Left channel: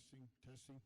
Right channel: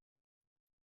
testing, testing.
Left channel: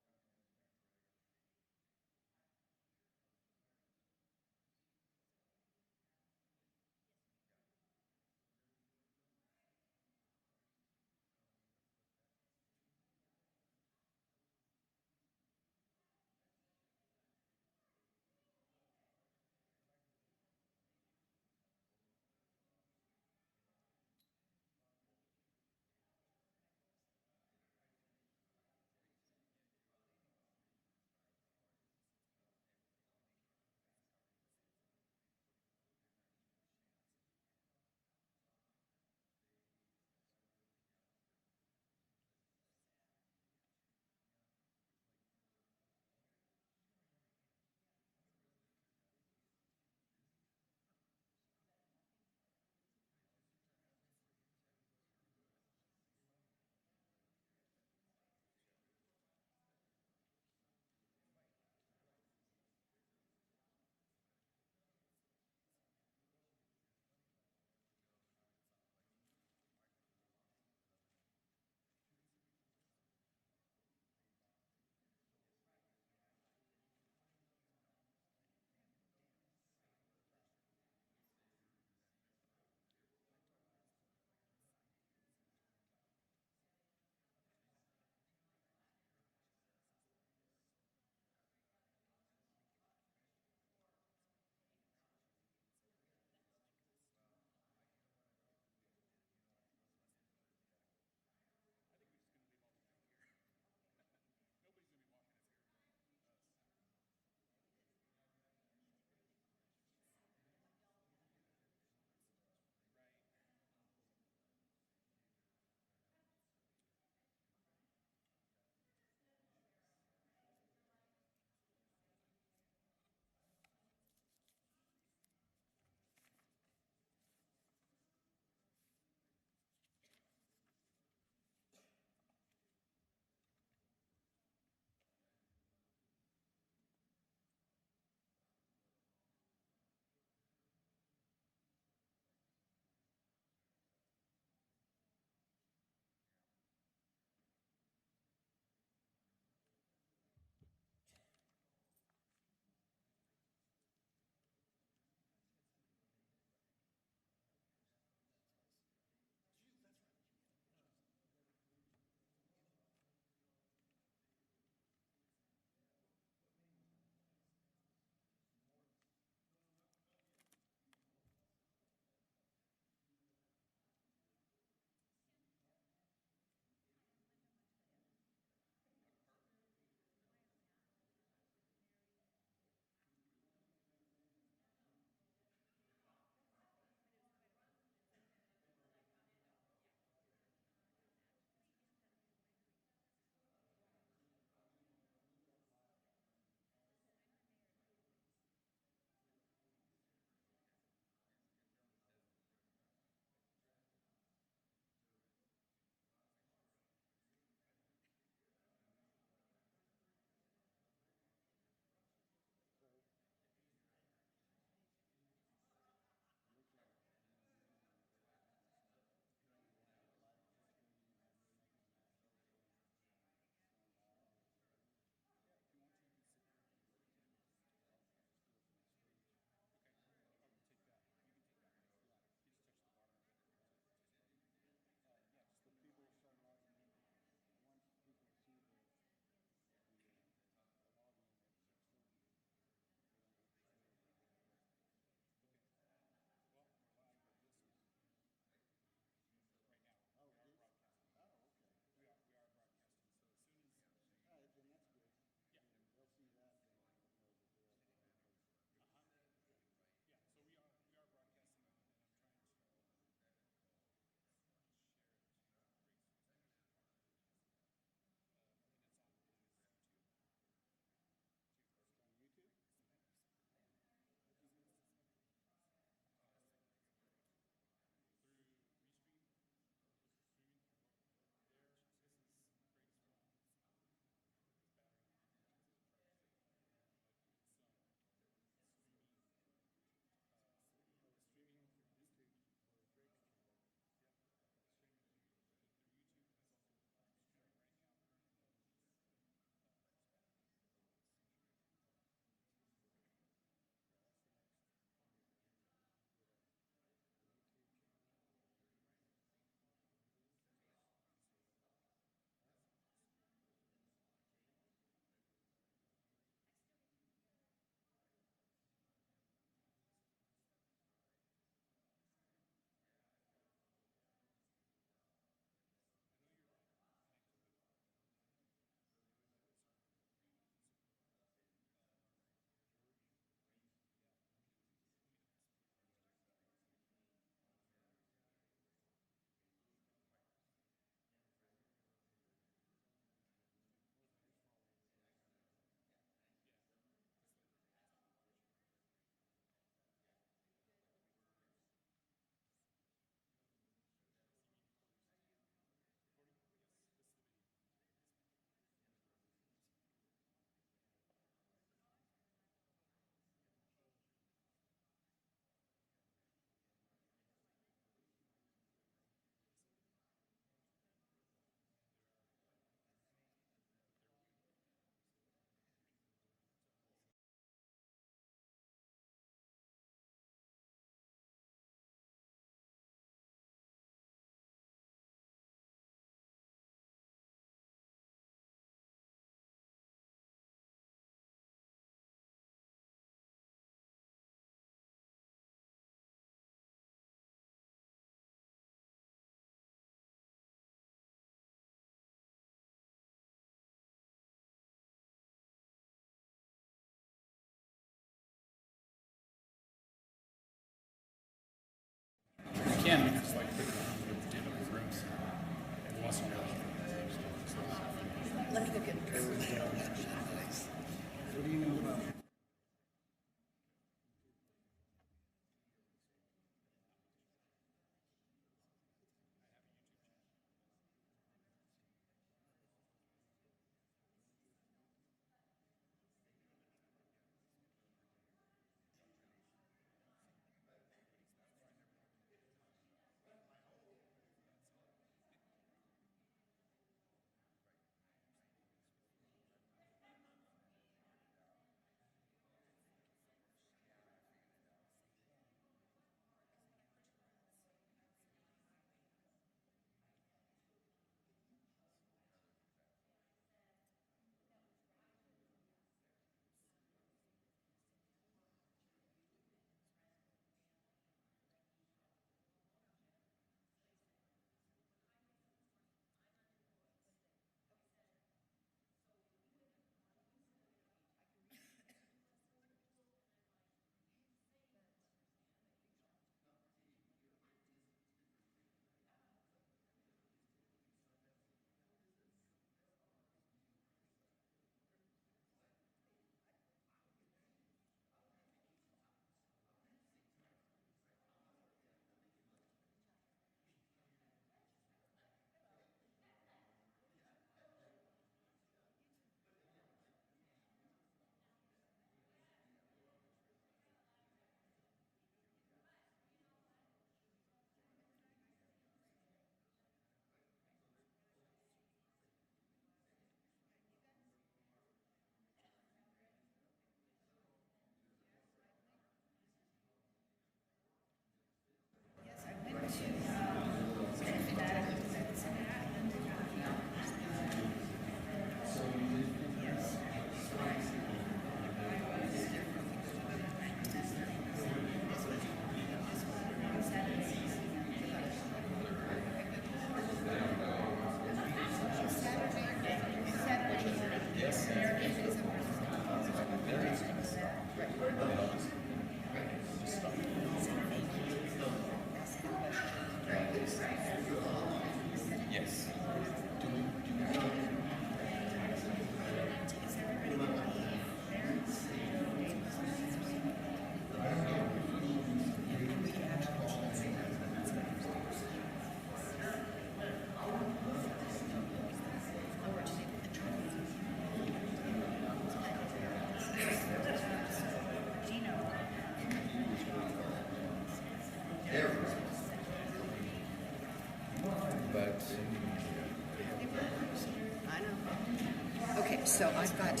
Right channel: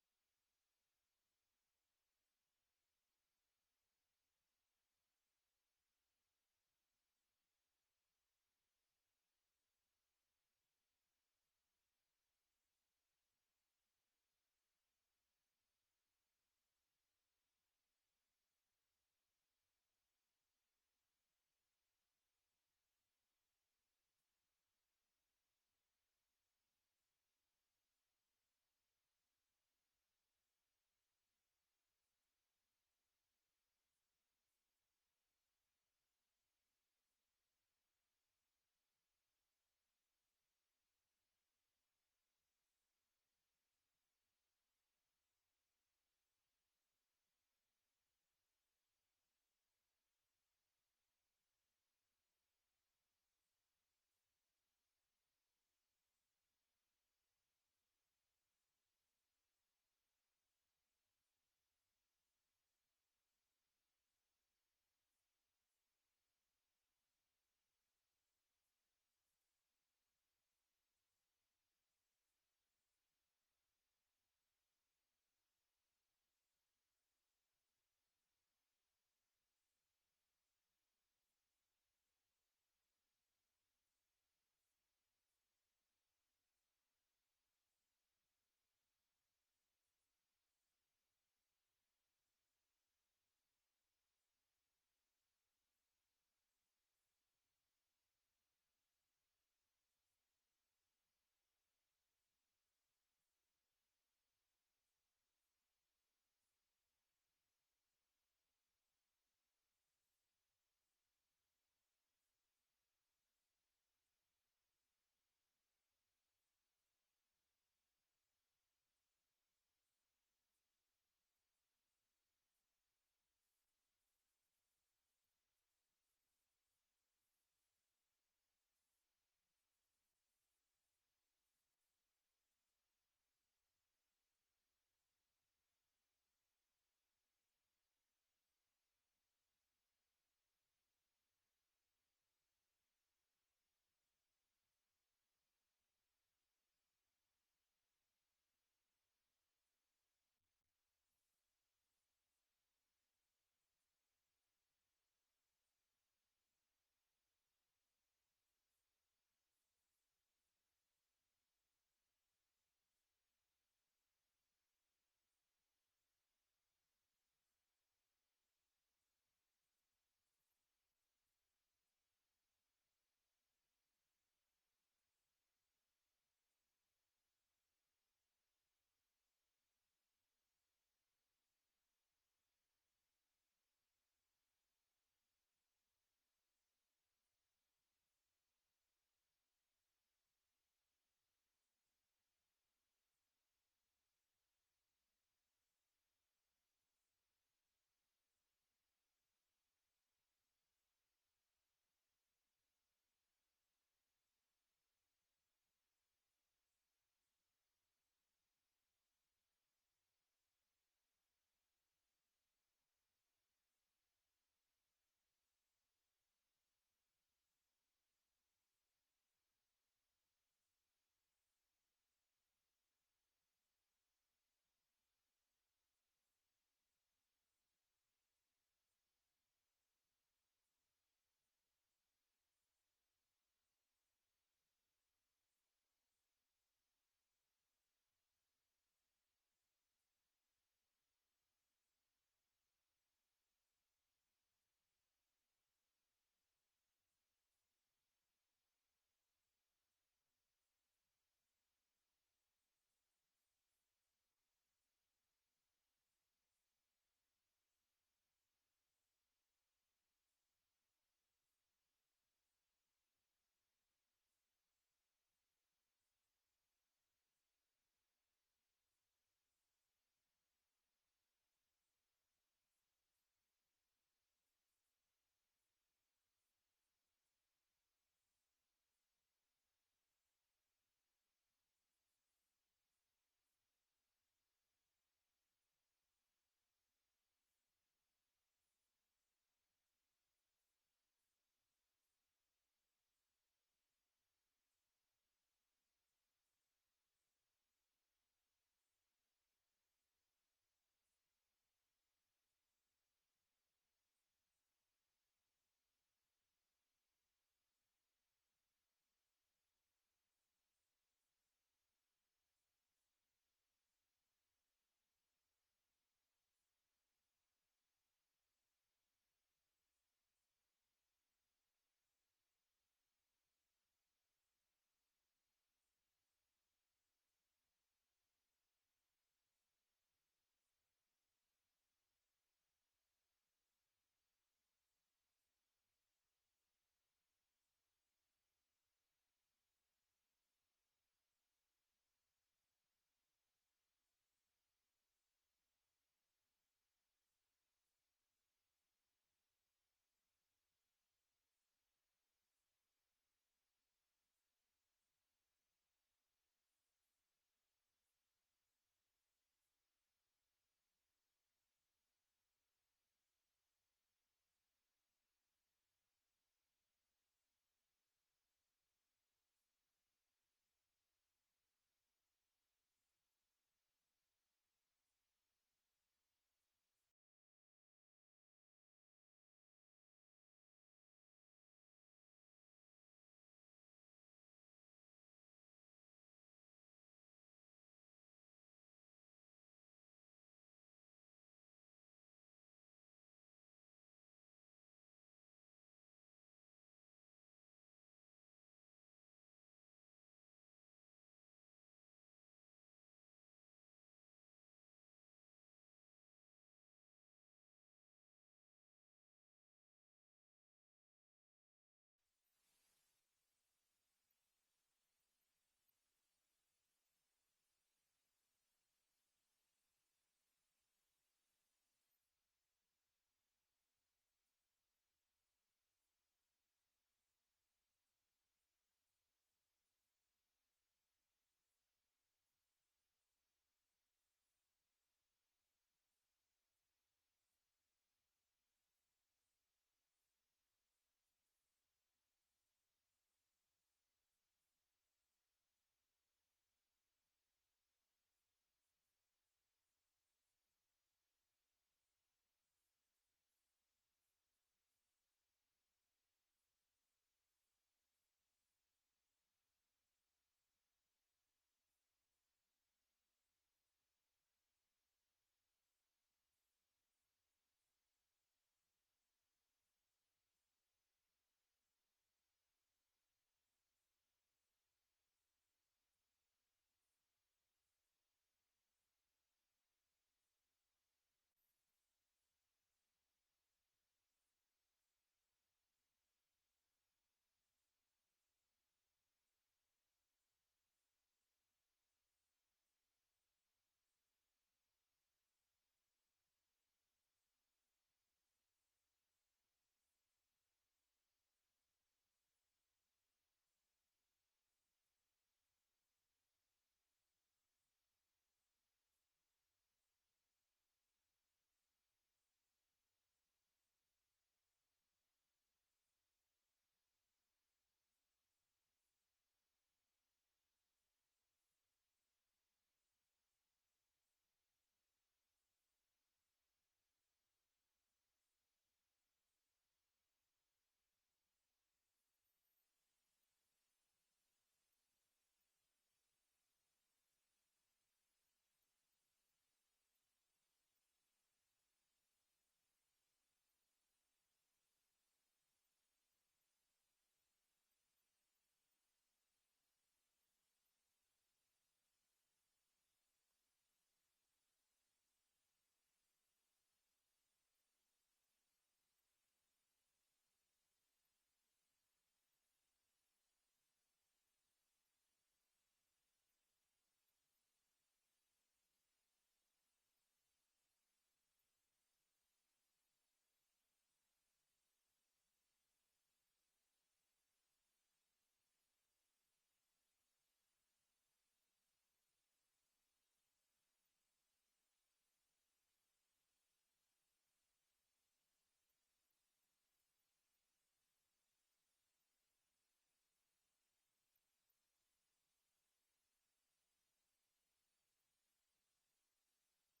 So I've got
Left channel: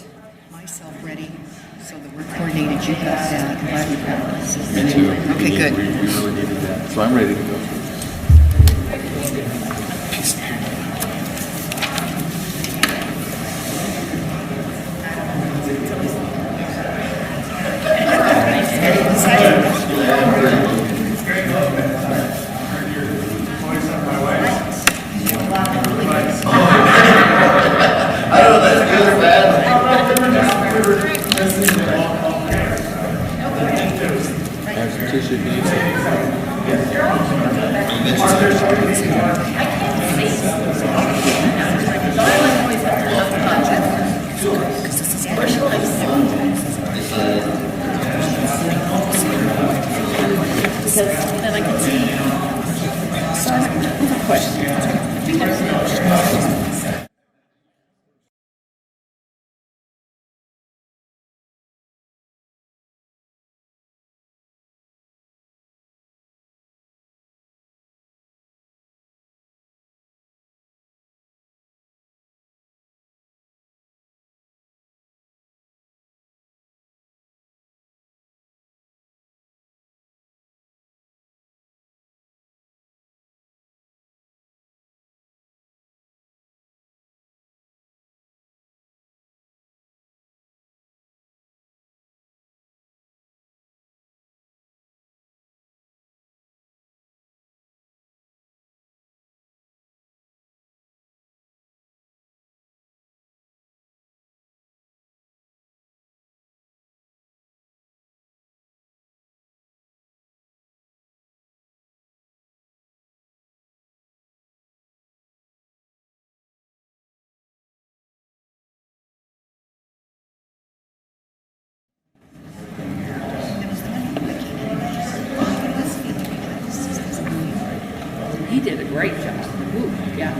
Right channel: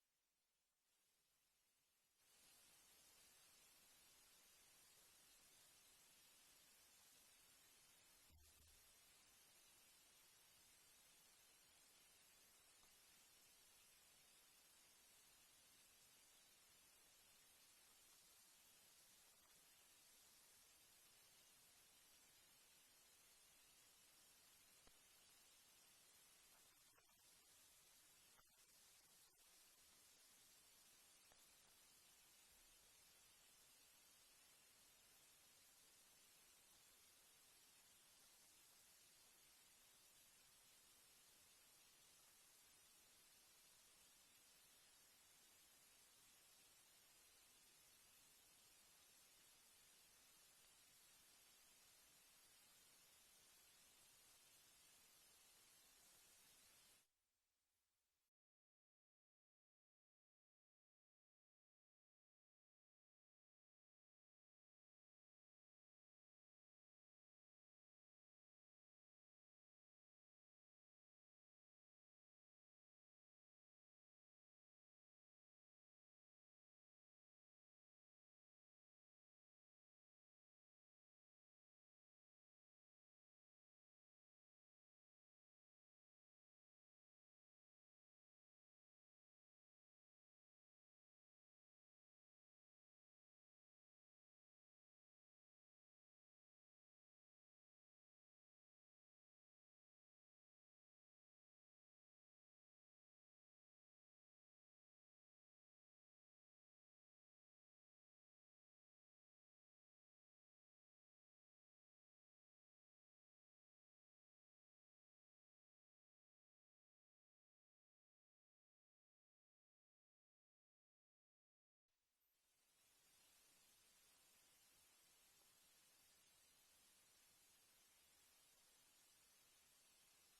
myself ready so that we're coordinated. You got that. I'm glad we got this. Me too. Okay, good. We really needed that. So I'm ready to go. He did a great job. Ooh, yeah.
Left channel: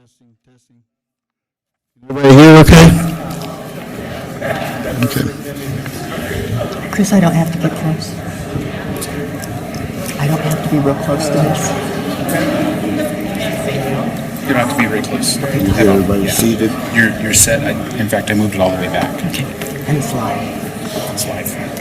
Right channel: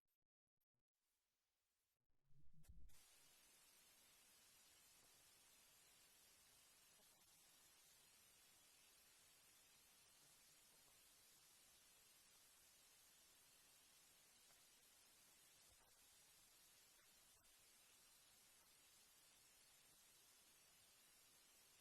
testing, testing. Everybody here okay? Okay. Chris, I don't have to get close. I don't have to be real close to this. You don't have to be very close. Can you hear everybody seated? You're set. In fact, I moved it all the way back. Okay. And it's live. It's live.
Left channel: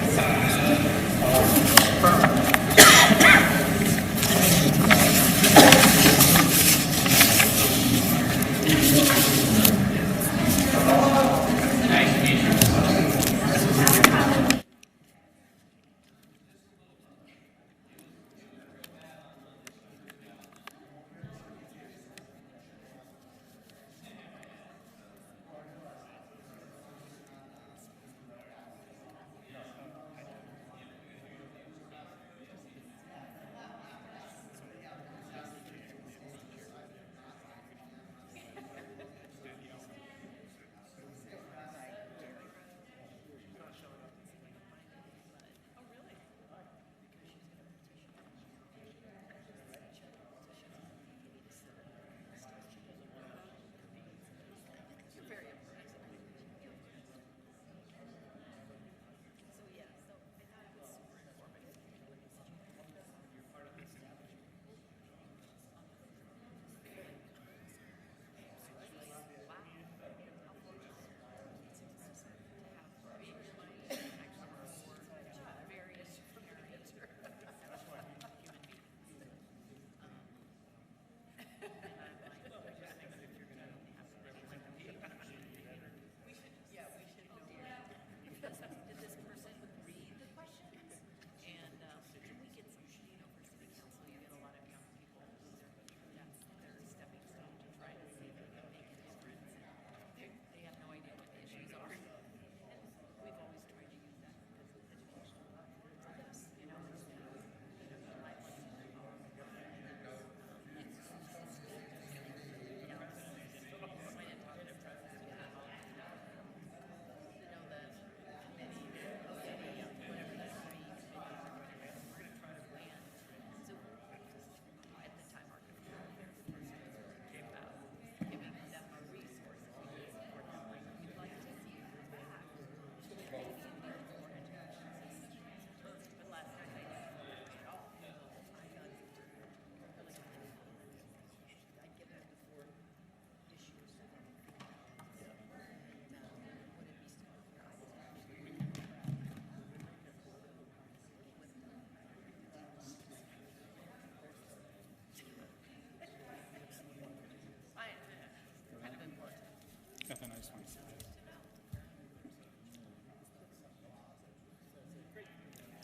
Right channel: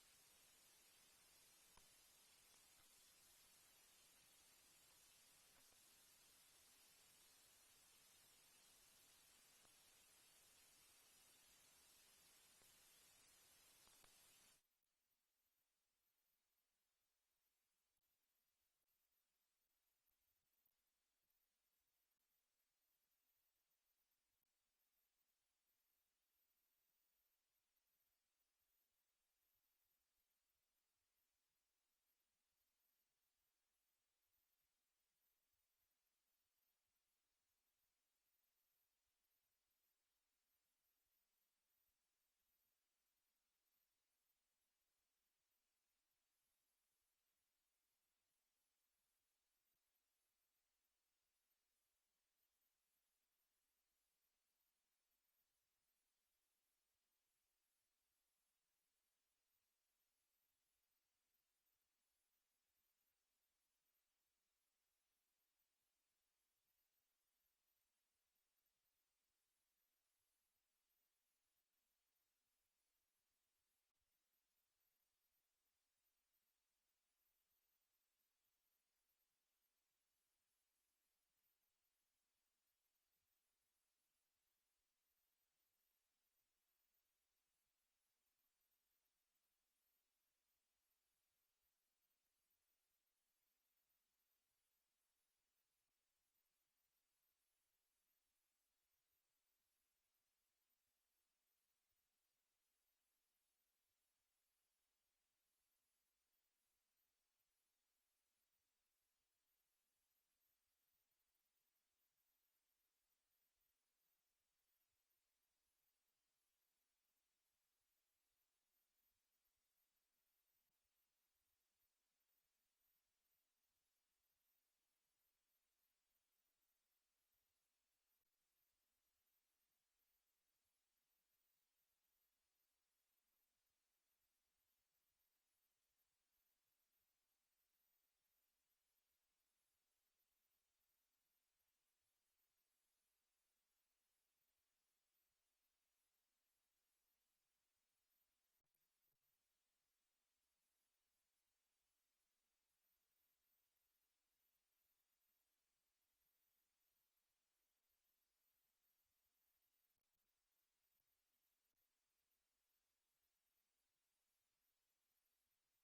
Got the nice one.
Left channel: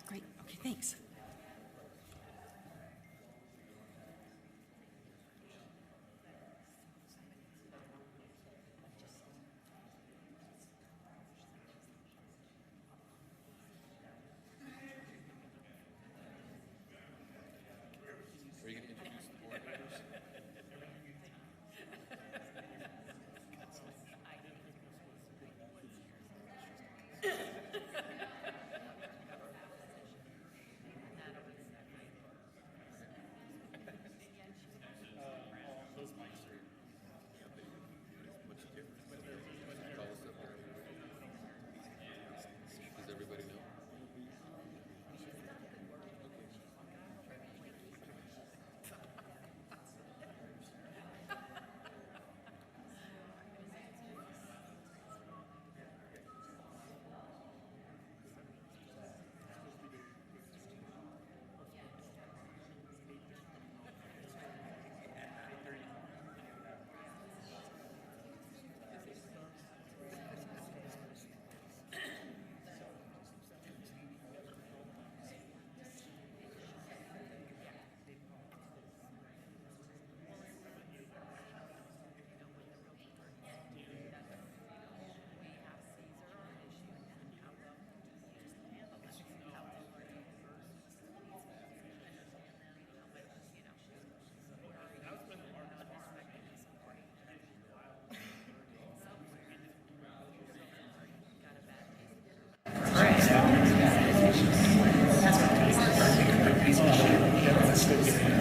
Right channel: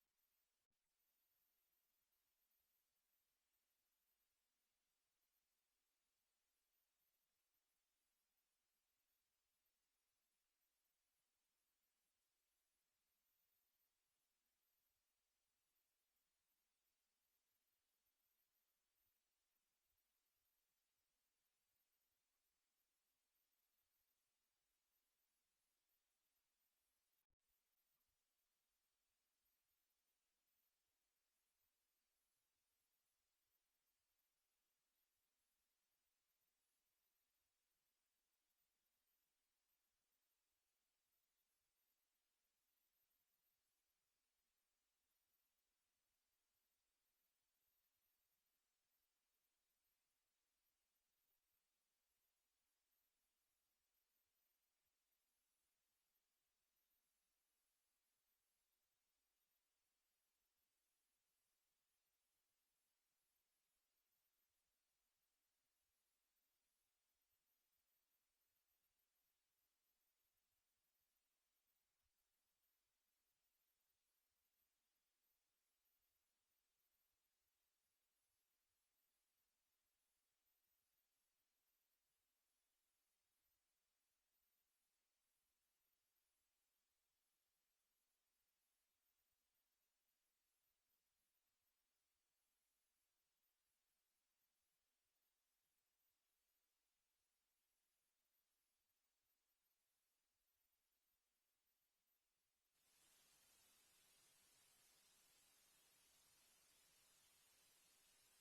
Great. Okay, thanks.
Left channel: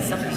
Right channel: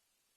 Something.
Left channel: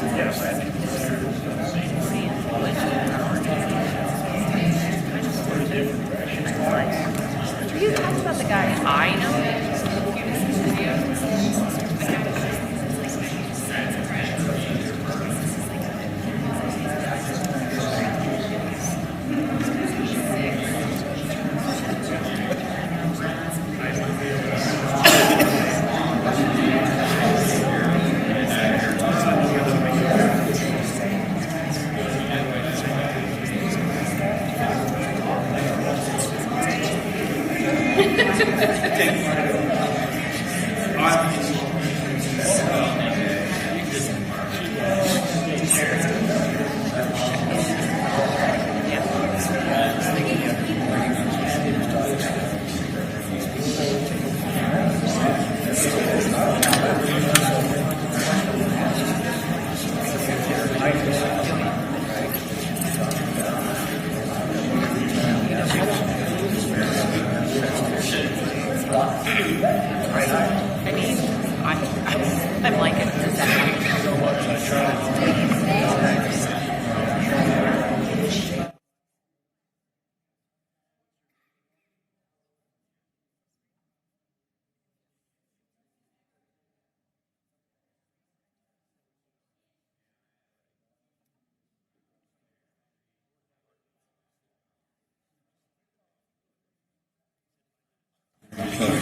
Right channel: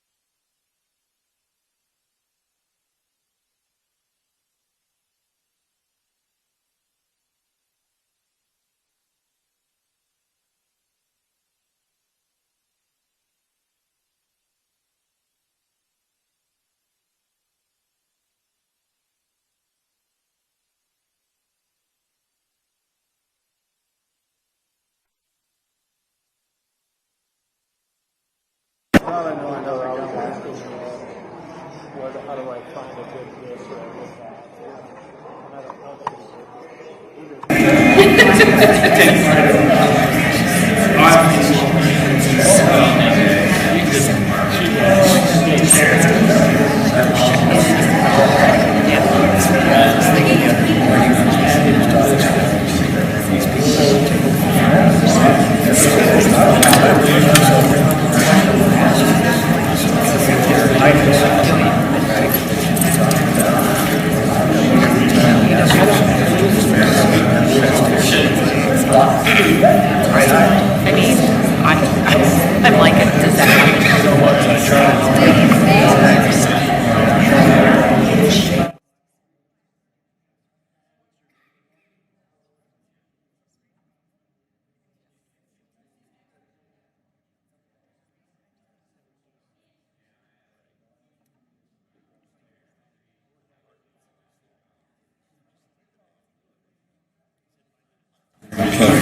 You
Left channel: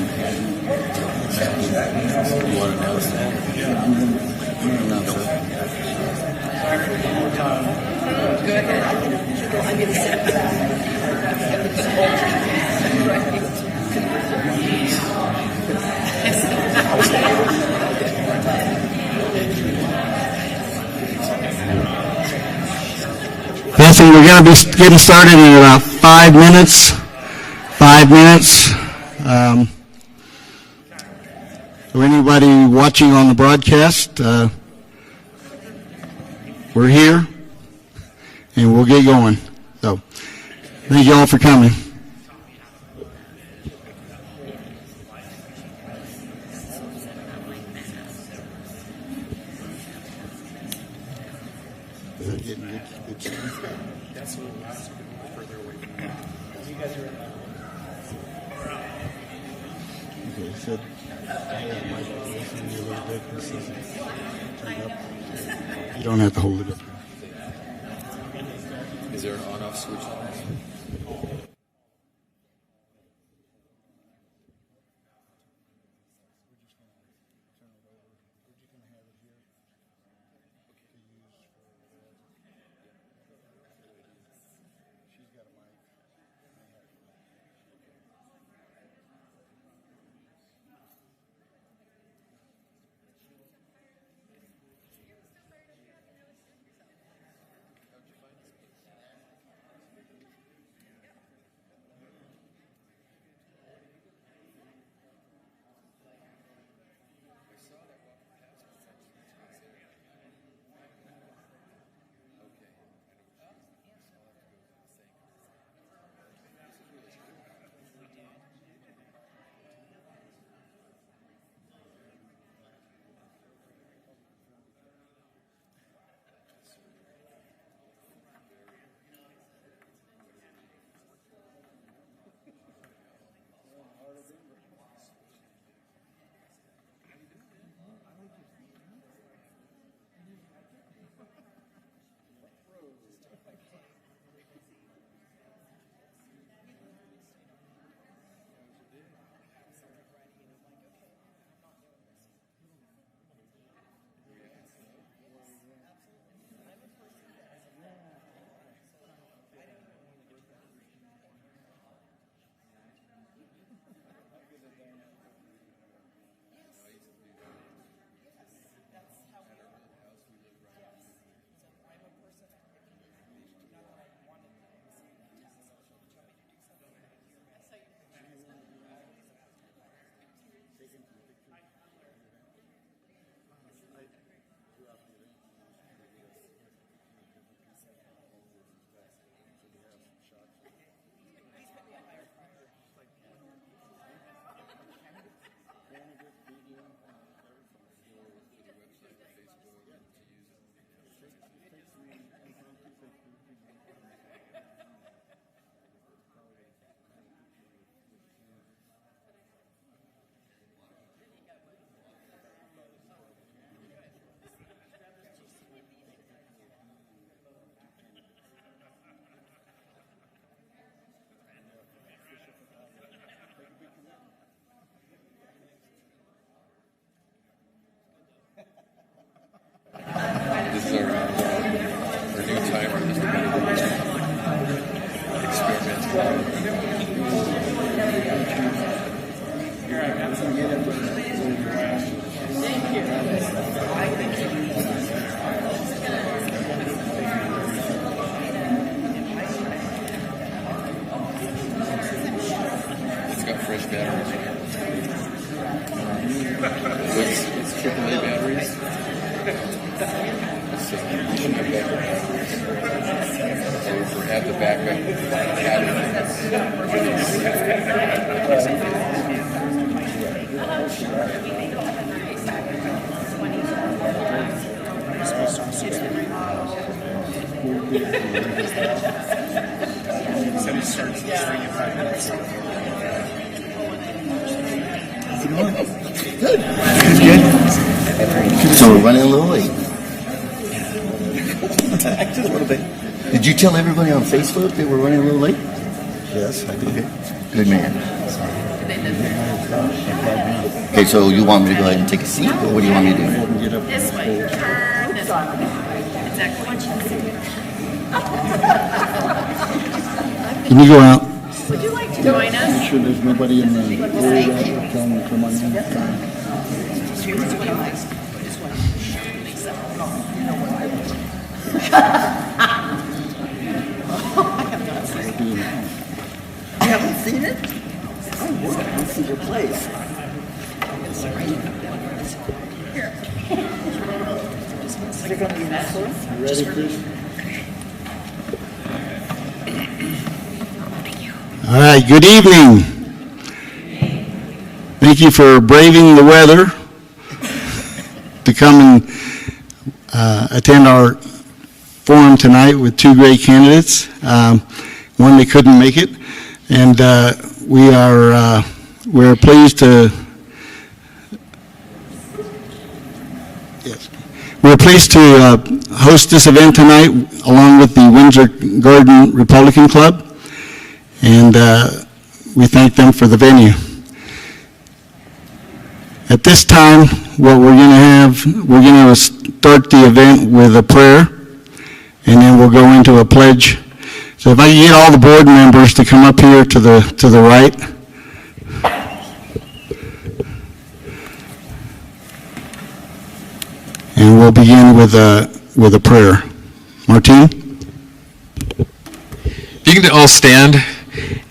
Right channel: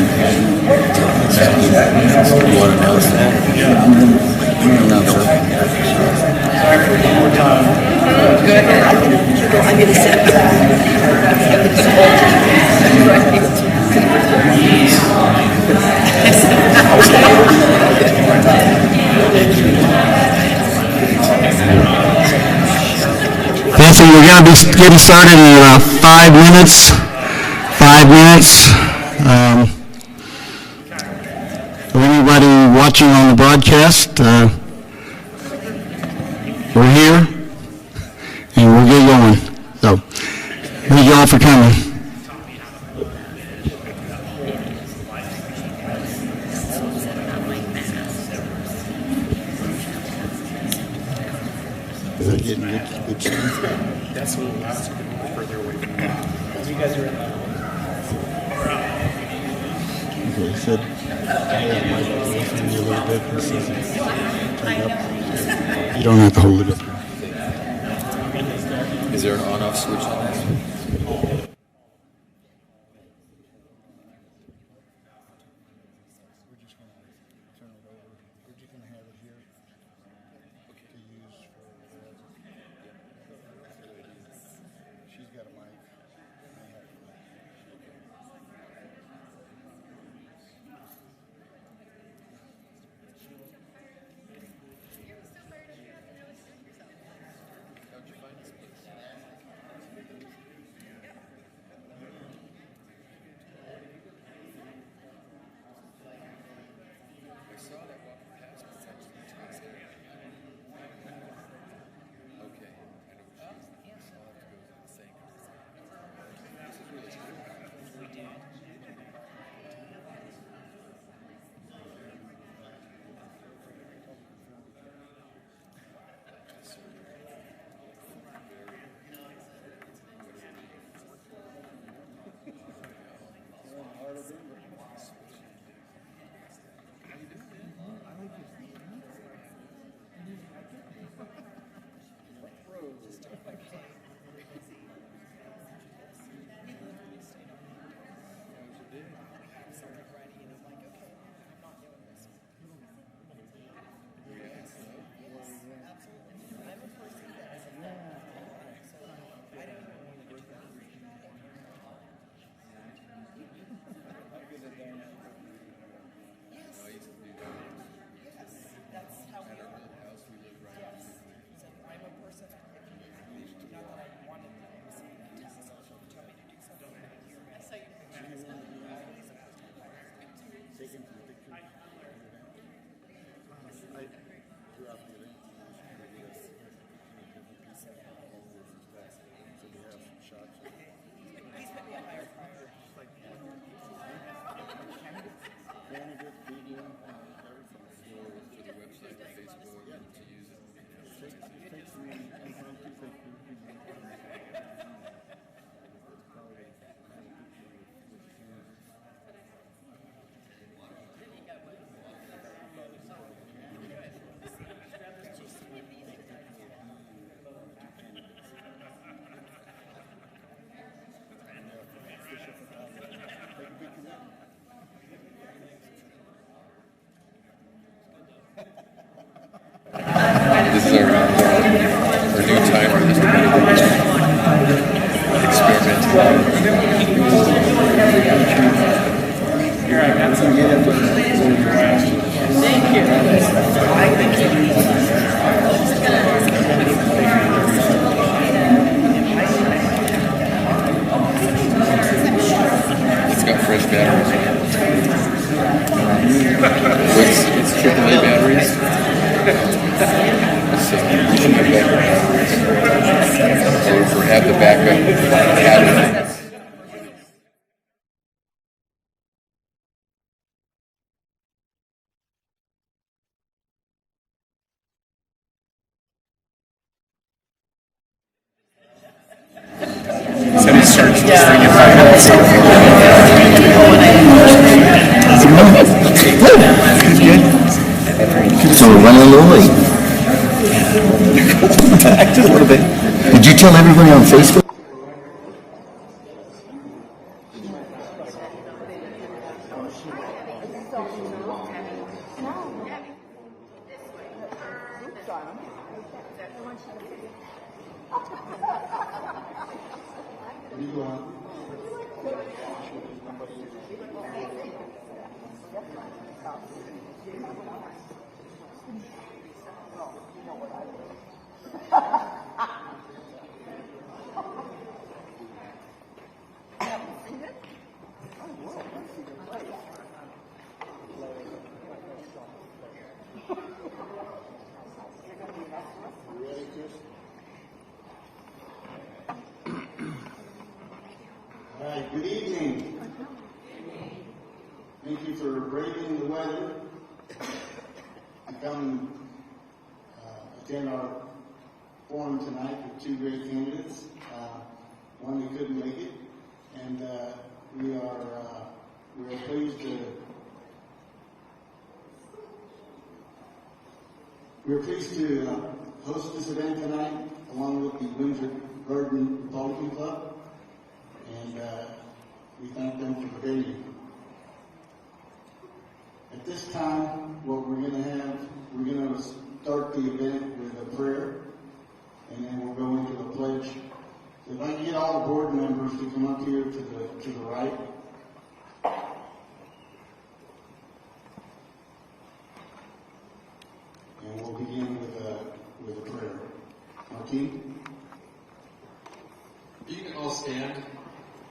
want to announce that? Announce it. I'm going to sit. Nancy, we're going to be getting started in about 5 minutes. 5 minutes. For anybody watching on the broadcast, we're here and we'll get going. So, thank you all for coming. Is that getting good sound? That's a little loud, so a little further away from me. You guys are in that. Okay, he said, a little bit. Turn up. You don't have to hold it up. Is there an on-off switch on this? This is our new timer. This experiment. Here, I got some. Thank you. It's got fresh batteries. It's AAA batteries. So we should have backup batteries. Or have the backup battery. Said it starts this thing in 5 minutes. So we're running a little late. Just a little bit. Did you tell everybody on Facebook that we're running a little late? Yes, I did. Good man. Okay, so you want me to go ahead and take a seat, or what do you want me to do? This way. Turn this way. Exactly. Can you go out? Would you like to join us? Sure there's nobody in the area telling me to come on in. Here's what I like. This one. Lisa. You haven't seen it? Oh, wow, I see your place. Is it going to be that close? You ready, Chris? All right, good evening. Thank you for braving the weather to come and attend our forum tonight with two great candidates. One, they couldn't make it, and we're pleased to host this event tonight along with the Windsor Garden Republican Club, and we thank them for the venue. At this time, what we're going to start the event with a prayer, and then we'll go into a pledge. So if I can get all the board members to come up here to the right. And we'll begin with a prayer. Martine? You can all stand.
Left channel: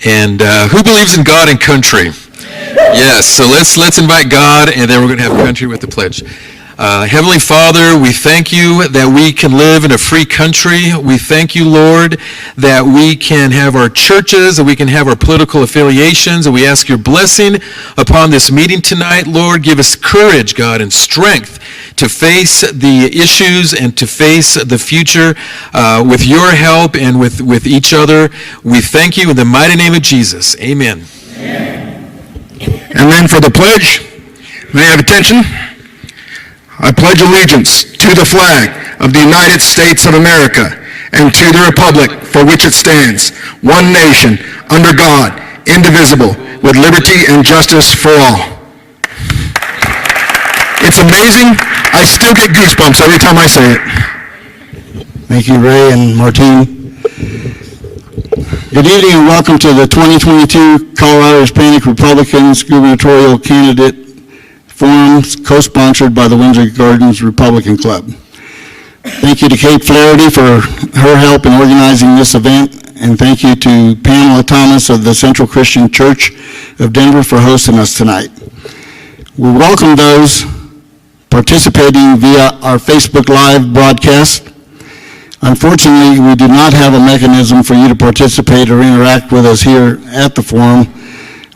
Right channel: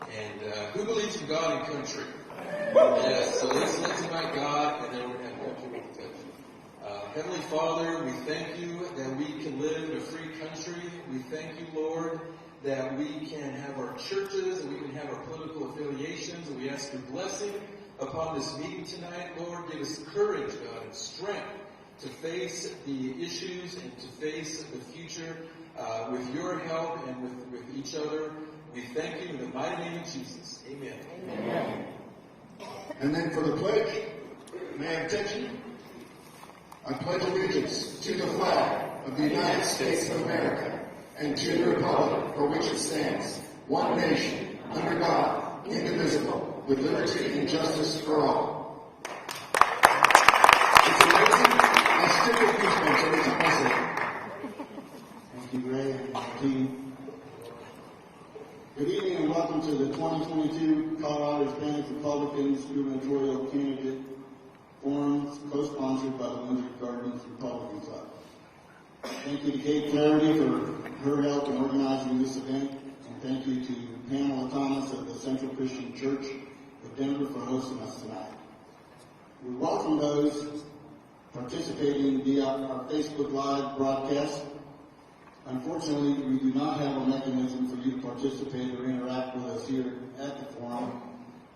And who believes in God and country? Yes, so let's invite God, and then we're going to have country with the pledge. Heavenly Father, we thank you that we can live in a free country. We thank you, Lord, that we can have our churches, that we can have our political affiliations, and we ask your blessing upon this meeting tonight. Lord, give us courage, God, and strength to face the issues and to face the future with your help and with each other. We thank you in the mighty name of Jesus. Amen. And then for the pledge, may I have attention? I pledge allegiance to the flag of the United States of America and to the republic for which it stands, one nation, under God, indivisible, with liberty and justice for all. It's amazing. I still get goosebumps every time I say it. Thank you, Ray and Martine. Good evening and welcome to the 2022 Colorado Hispanic Republicans Gubernatorial Candidate Forum, co-sponsored by the Windsor Gardens Republican Club. Thank you to Kate Flaherty for her help in organizing this event, and thank you to Pamela Thomas of the Central Christian Church of Denver for hosting us tonight. We welcome those participating via our Facebook Live broadcast. Unfortunately, we do not have a mechanism for you to participate or interact with us here at the forum.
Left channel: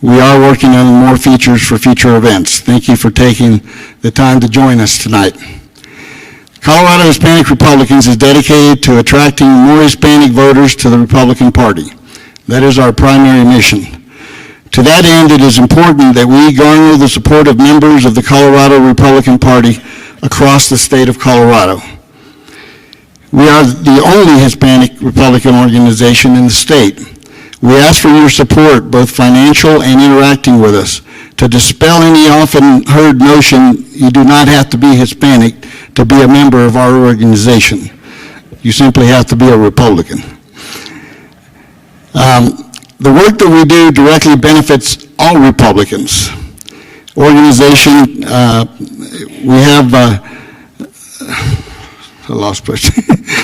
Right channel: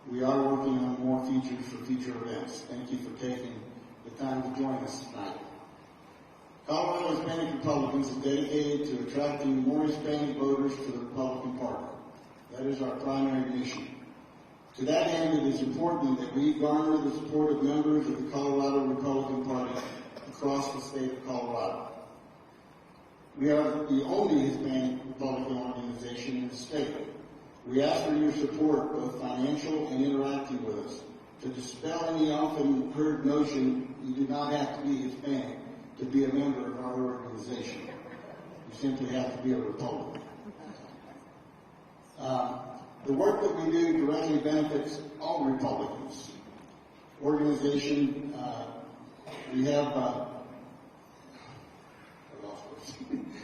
We are working on more features for future events. Thank you for taking the time to join us tonight. Colorado Hispanic Republicans is dedicated to attracting more Hispanic voters to the Republican Party. That is our primary mission. To that end, it is important that we garner the support of members of the Colorado Republican Party across the state of Colorado. We are the only Hispanic Republican organization in the state. We ask for your support, both financial and interacting with us, to dispel any often heard notion you do not have to be Hispanic to be a member of our organization. You simply have to be a Republican. The work that we do directly benefits all Republicans. Organization, we have, I lost place.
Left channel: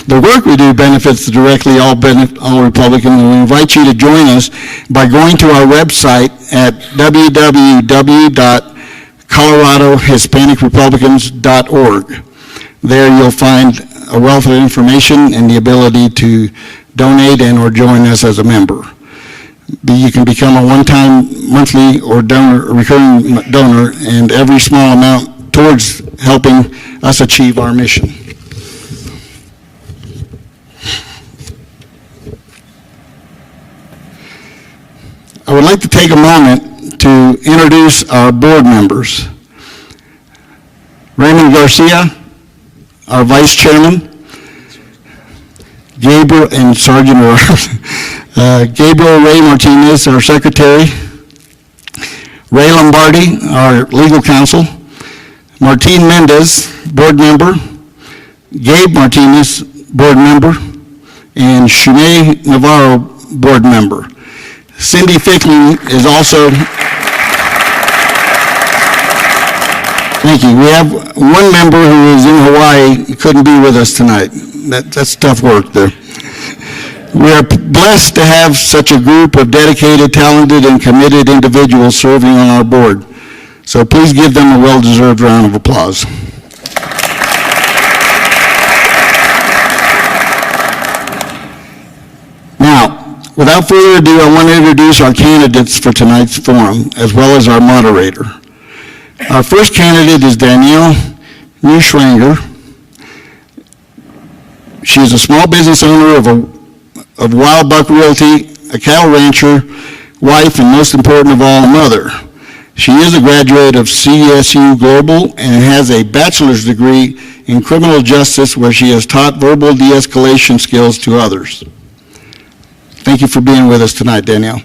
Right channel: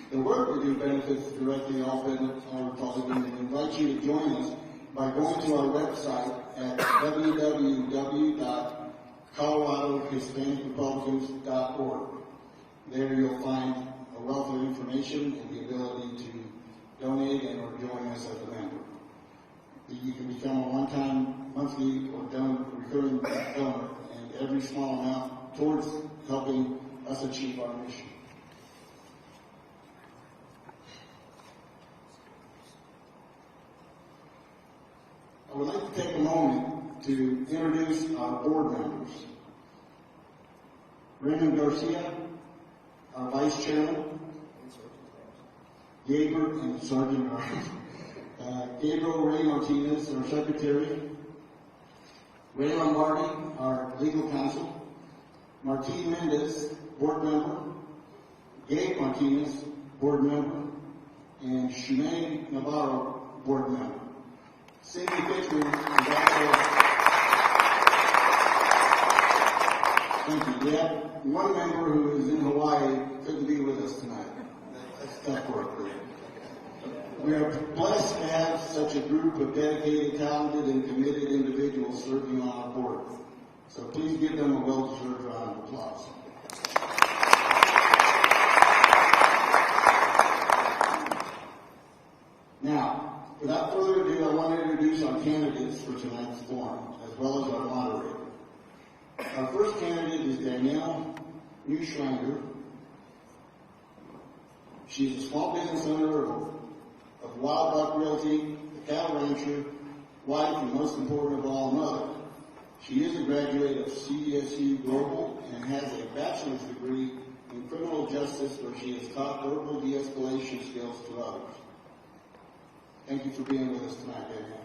The work we do benefits directly all Republicans, and we invite you to join us by going to our website at www.coloradohispanicrepublicans.org. There you'll find a wealth of information and the ability to donate and or join us as a member. You can become a one-time, monthly, or recurring donor, and every small amount towards helping us achieve our mission. I would like to take a moment to introduce our board members. Raymond Garcia, our vice chairman. Gabriel and Sergeant Gabriel Ray Martinez, our secretary. Ray Lombardi, our legal counsel, Martine Mendez, board member, Gabe Martinez, board member, and Shumay Navarro, board member. Cindy Fickling is also, thank you. We have one member who is in Hawaii, couldn't be with us tonight. That's tough work there. We are blessed to have such a group of dedicated, talented, and committed individuals serving on our board. So please give them a well-deserved round of applause. Now, without further ado, I want to introduce our candidates for tonight's forum, as well as our moderator. Our first candidate is Danielle Neuschwanger. She is a small business owner of Wild Buck Realty, a cattle rancher, wife, and most important of all, a mother. She is a graduate of CSU Global and has a bachelor's degree in criminal justice where she has taught verbal de-escalation skills to others. Thank you for being with us tonight, Danielle.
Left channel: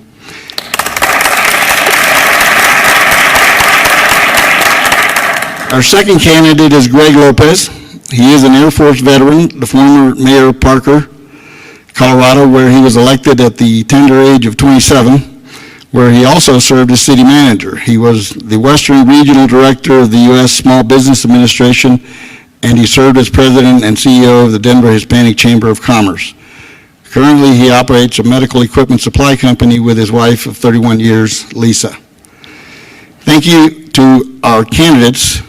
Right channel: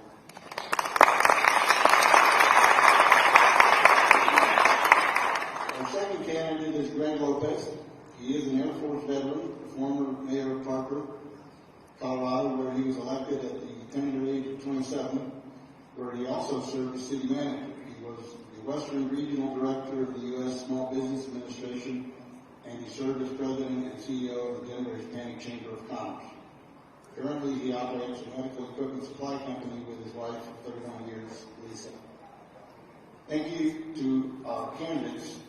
Our second candidate is Greg Lopez. He is an Air Force veteran, the former mayor of Parker, Colorado, where he was elected at the tender age of 27, where he also served as city manager. He was the Western Regional Director of the U.S. Small Business Administration, and he served as president and CEO of the Denver Hispanic Chamber of Commerce. Currently, he operates a medical equipment supply company with his wife of 31 years, Lisa. Thank you to our candidates.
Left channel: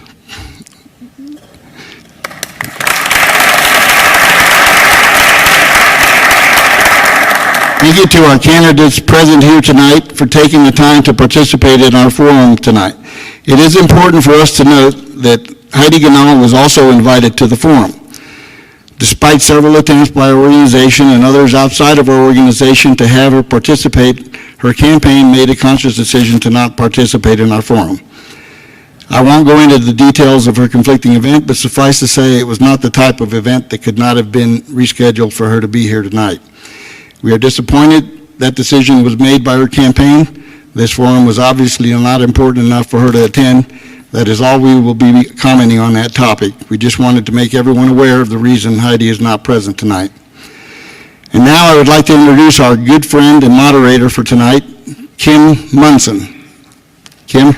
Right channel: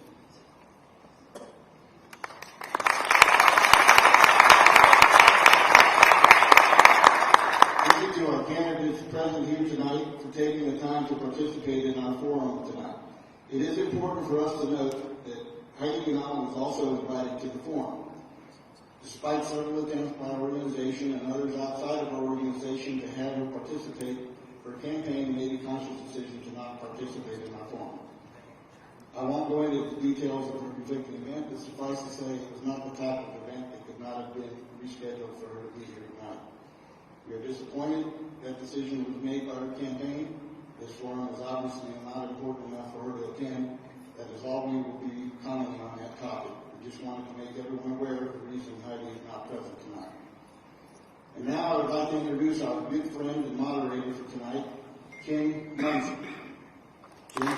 Thank you to our candidates present here tonight for taking the time to participate in our forum tonight. It is important for us to note that Heidi Ganal was also invited to the forum. Despite several attempts by our organization and others outside of our organization to have her participate, her campaign made a conscious decision to not participate in our forum. I won't go into the details of her conflicting event, but suffice to say it was not the type of event that could not have been rescheduled for her to be here tonight. We are disappointed that decision was made by her campaign. This forum was obviously not important enough for her to attend. That is all we will be commenting on that topic. We just wanted to make everyone aware of the reason Heidi is not present tonight. And now I would like to introduce our good friend and moderator for tonight, Kim Munson. Kim?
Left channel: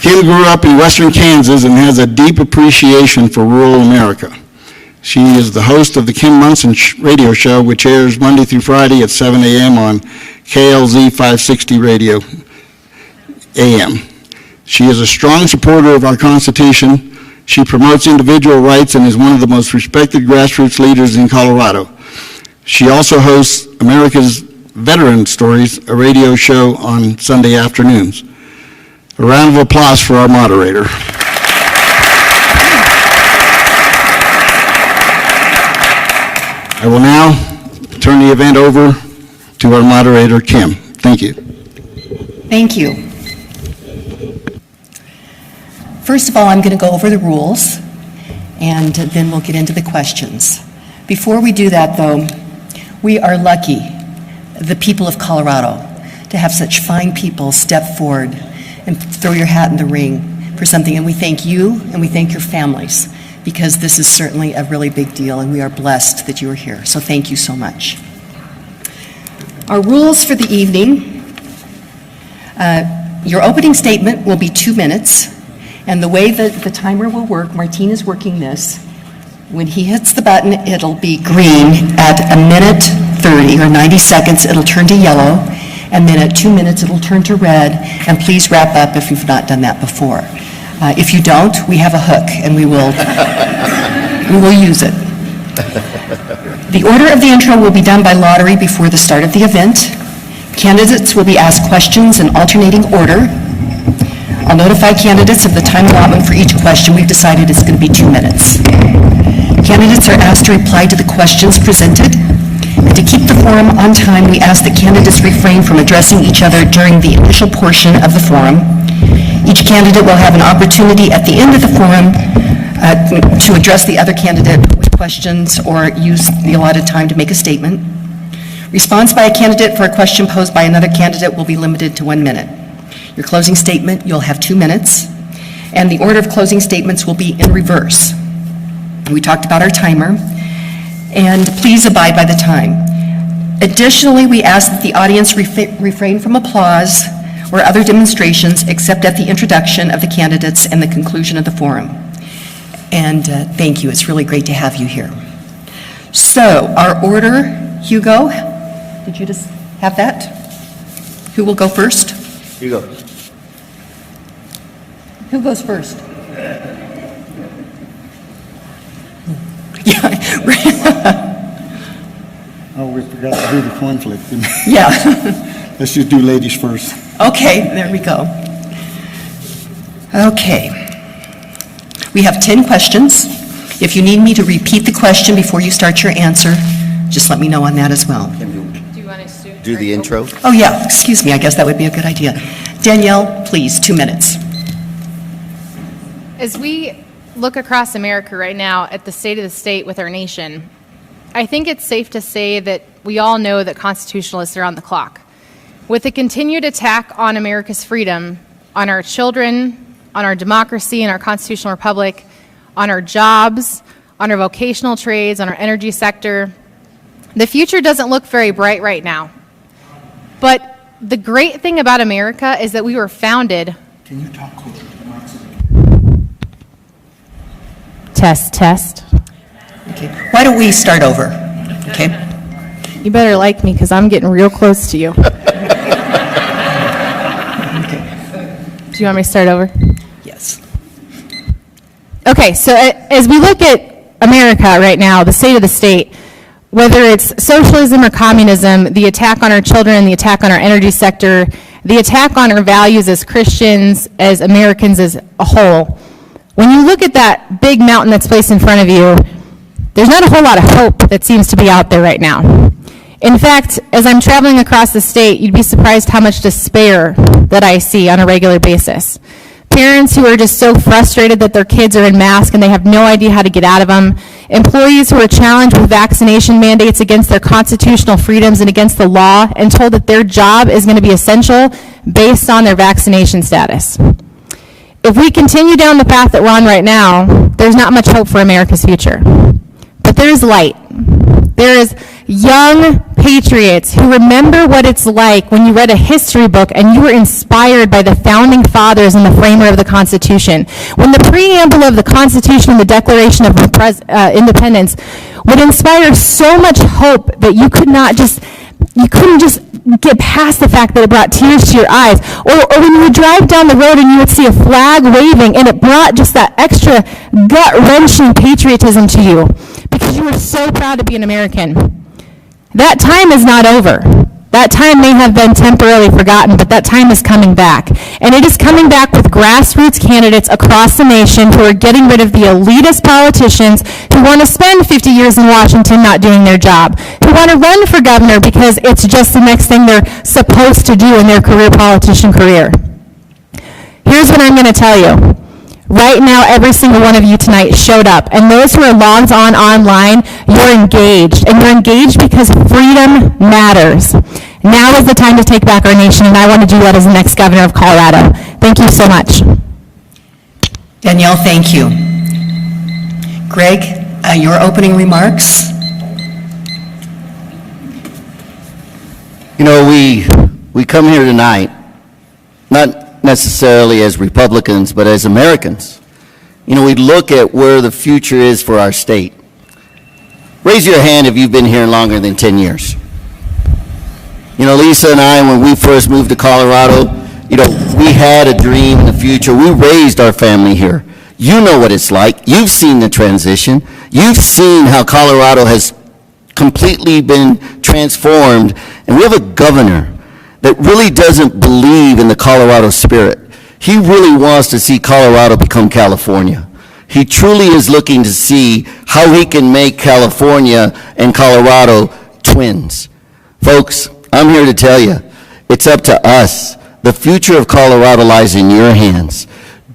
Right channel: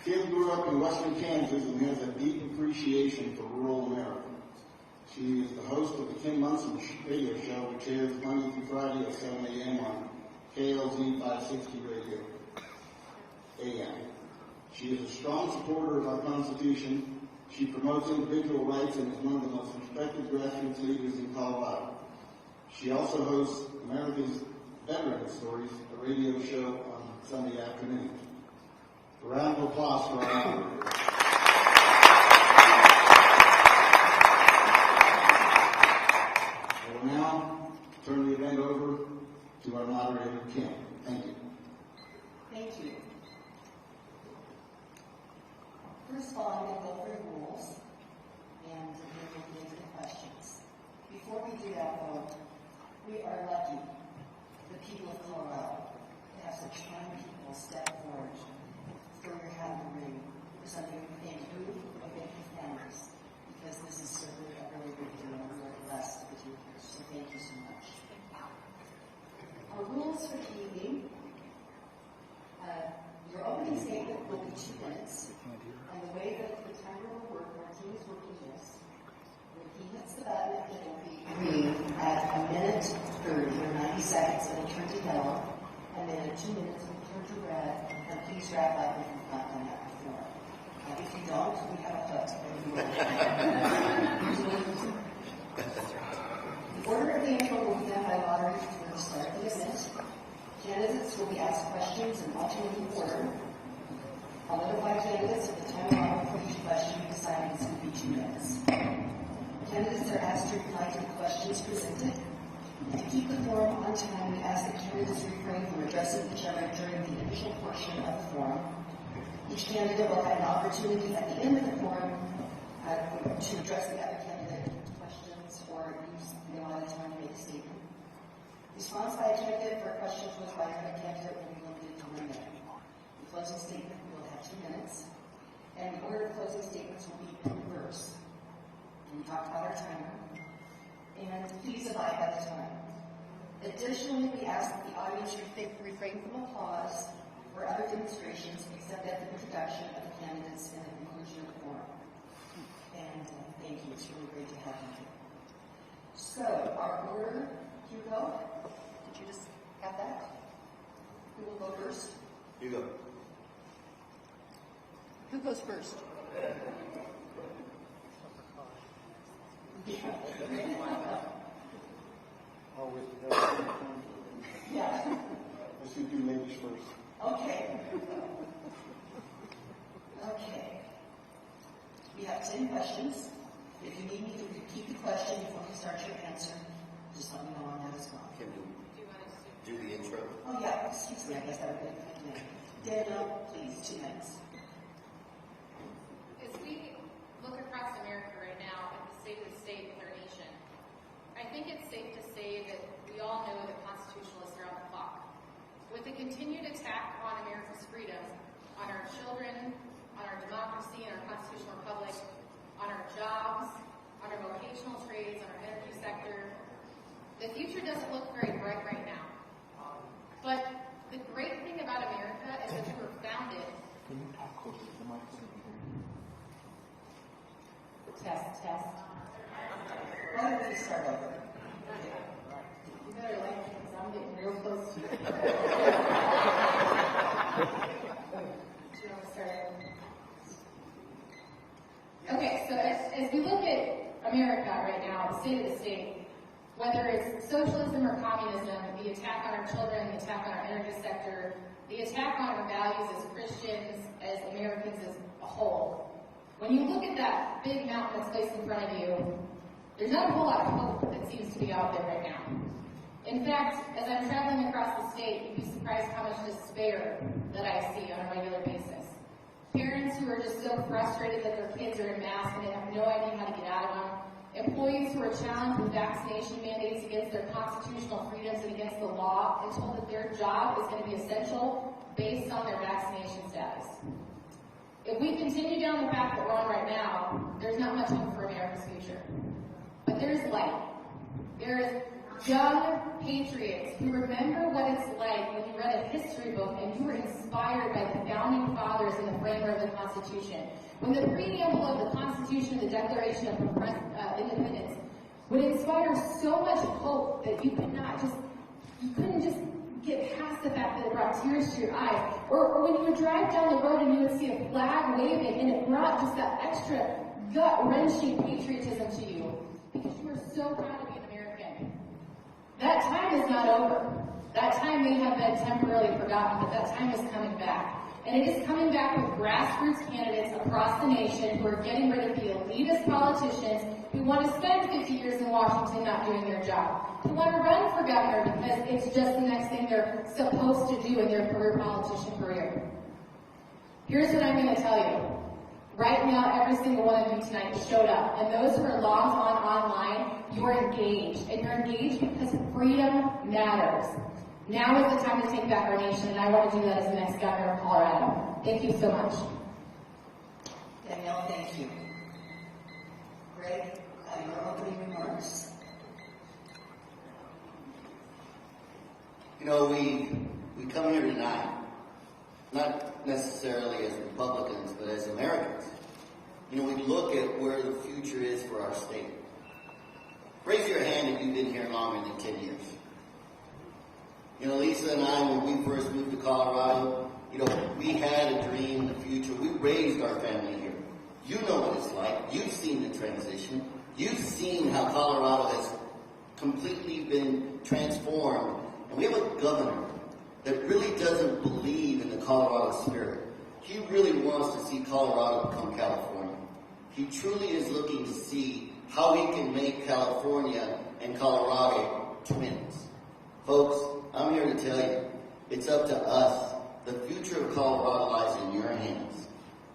Kim grew up in western Kansas and has a deep appreciation for rural America. She is the host of the Kim Munson radio show, which airs Monday through Friday at 7 a.m. on KLZ 560 radio AM. She is a strong supporter of our Constitution. She promotes individual rights and is one of the most respected grassroots leaders in Colorado. She also hosts America's Veteran Stories, a radio show on Sunday afternoons. A round of applause for our moderator. I will now turn the event over to our moderator, Kim. Thank you. Thank you. First of all, I'm going to go over the rules, and then we'll get into the questions. Before we do that, though, we are lucky, the people of Colorado, to have such fine people step forward and throw your hat in the ring for something. And we thank you and we thank your families, because this is certainly a really big deal and we are blessed that you are here. So thank you so much. Our rules for the evening, your opening statement will be 2 minutes, and the way that the timer will work, Martine is working this. When he hits the button, it'll be green. At 1:30 or 90 seconds, it'll turn to yellow. And then at 2 minutes, it'll turn to red, and please wrap up if you've not done that before. If you don't, we have a hook, and we will use it. The order of the intro will be done by lottery before the start of the event. Candidates will be asked questions in alternating order. I'll notify candidates of the time allotment for each question. We've decided it's going to be 2 minutes. Candidates are asked to reply to the questions presented. And to keep the forum on time, we ask that candidates refrain from addressing each other during the initial portion of the forum. Each candidate will have an opportunity at the end of the forum to address the other candidate with questions or use the allotted time to make a statement. Response by a candidate for a question posed by another candidate will be limited to 1 minute. Your closing statement, you'll have 2 minutes, and the order of closing statements will be in reverse. We talked about our timer, and please abide by the time. Additionally, we ask that the audience refrain from applause or other demonstrations except at the introduction of the candidates and the conclusion of the forum. And thank you, it's really great to have you here. So, our order, Hugo, did you just have that? Who will go first? You go. Who goes first? Yeah, Oh, we forgot to do the coin flip. yeah. Let's just do ladies first. Okay, there we go. Okay. We have 10 questions. If you need me to repeat the question before you start your answer, just let me know on that as well. Can Do you want us to do the intro? Oh, yeah, excuse me, I guess that would be a good idea. Danielle, please, 2 minutes. As we look across America right now at the state of the state with our nation, I think it's safe to say that we all know that constitutionalists are on the clock. With the continued attack on America's freedom, on our children, on our democracy and our constitutional republic, on our jobs, on our vocational trades, on our energy sector, the future doesn't look very bright right now. But the great thing about America is that we were founded. Can you talk closer to the mic? Test, test. Okay. Why don't we start over? Okay. You better like me because I'm getting real close to you. Do you want me to start over? Yes. Okay, so as we look at America right now, the state of the state, whether it's socialism or communism, the attack on our children, the attack on our energy sector, the attack on our values as Christians, as Americans as a whole, when you look at that big mountain that's placed in front of you, there's not a whole lot of hope that seems to be out there right now. In fact, as I'm traveling across the state, you'd be surprised how much despair that I see on a regular basis. Parents who are just so frustrated that their kids are in masks and they have no idea how to get out of them. Employees who are challenged with vaccination mandates against their constitutional freedoms and against the law and told that their job is going to be essential based on their vaccination status. If we continue down the path that we're on right now, there's not much hope for America's future. But there is light. There is young patriots who remember what it's like when you read a history book and you were inspired by the founding fathers and the framer of the Constitution. When the preamble of the Constitution and the Declaration of Independence would inspire so much hope that you couldn't just get past the fact that it brought tears to your eyes. Or when you would drive down the road and you would see a flag waving and it brought just that extra gut-wrenching patriotism to you because you were so proud to be an American. That time is not over. That time may have been temporarily forgotten, but that time is coming back. And it is coming back with grassroots candidates across the nation who are getting rid of the elitist politicians who want to spend 50 years in Washington not doing their job, who want to run for governor because it's just the next thing they're supposed to do in their politician career. Here's what I'm going to tell you. Right now, every single one of you tonight showed up, and those who are logged on online, you're engaged, and you're engaged because freedom matters. Now is the time to take back our nation, and I want to do that as the next governor of Colorado. Thank you so much. Danielle, thank you. Greg, your opening remarks? You know, we come here tonight, not necessarily as Republicans, but as Americans. You know, we look at where the future is for our state. Raise your hand if you've been here longer than 10 years. You know, Lisa and I, when we first moved to Colorado, you know, we had a dream in the future. We raised our family here. You know what it's like. You've seen the transition. You've seen how Colorado has completely been transformed. And we have a governor that really doesn't believe in the Colorado spirit. He really wants to see Colorado become California. He truly is looking to see how he can make California and Colorado twins. Folks, I'm here to tell you, it's up to us. The future of Colorado lies in your hands.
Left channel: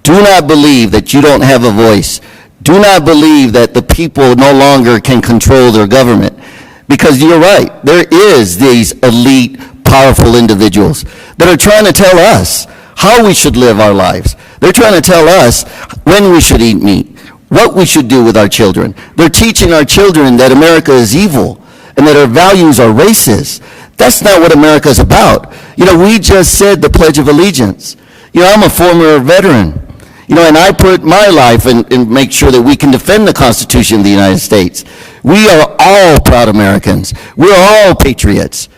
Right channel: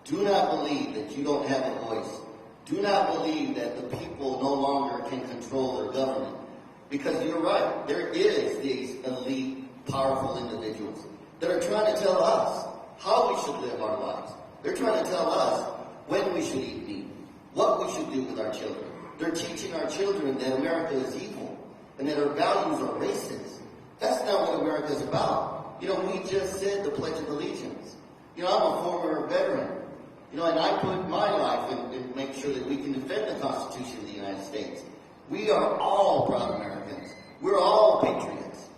Do not believe that you don't have a voice. Do not believe that the people no longer can control their government. Because you're right, there is these elite, powerful individuals that are trying to tell us how we should live our lives. They're trying to tell us when we should eat meat, what we should do with our children. They're teaching our children that America is evil and that our values are racist. That's not what America is about. You know, we just said the Pledge of Allegiance. You know, I'm a former veteran. You know, and I put my life and make sure that we can defend the Constitution of the United States. We are all proud Americans. We're all patriots.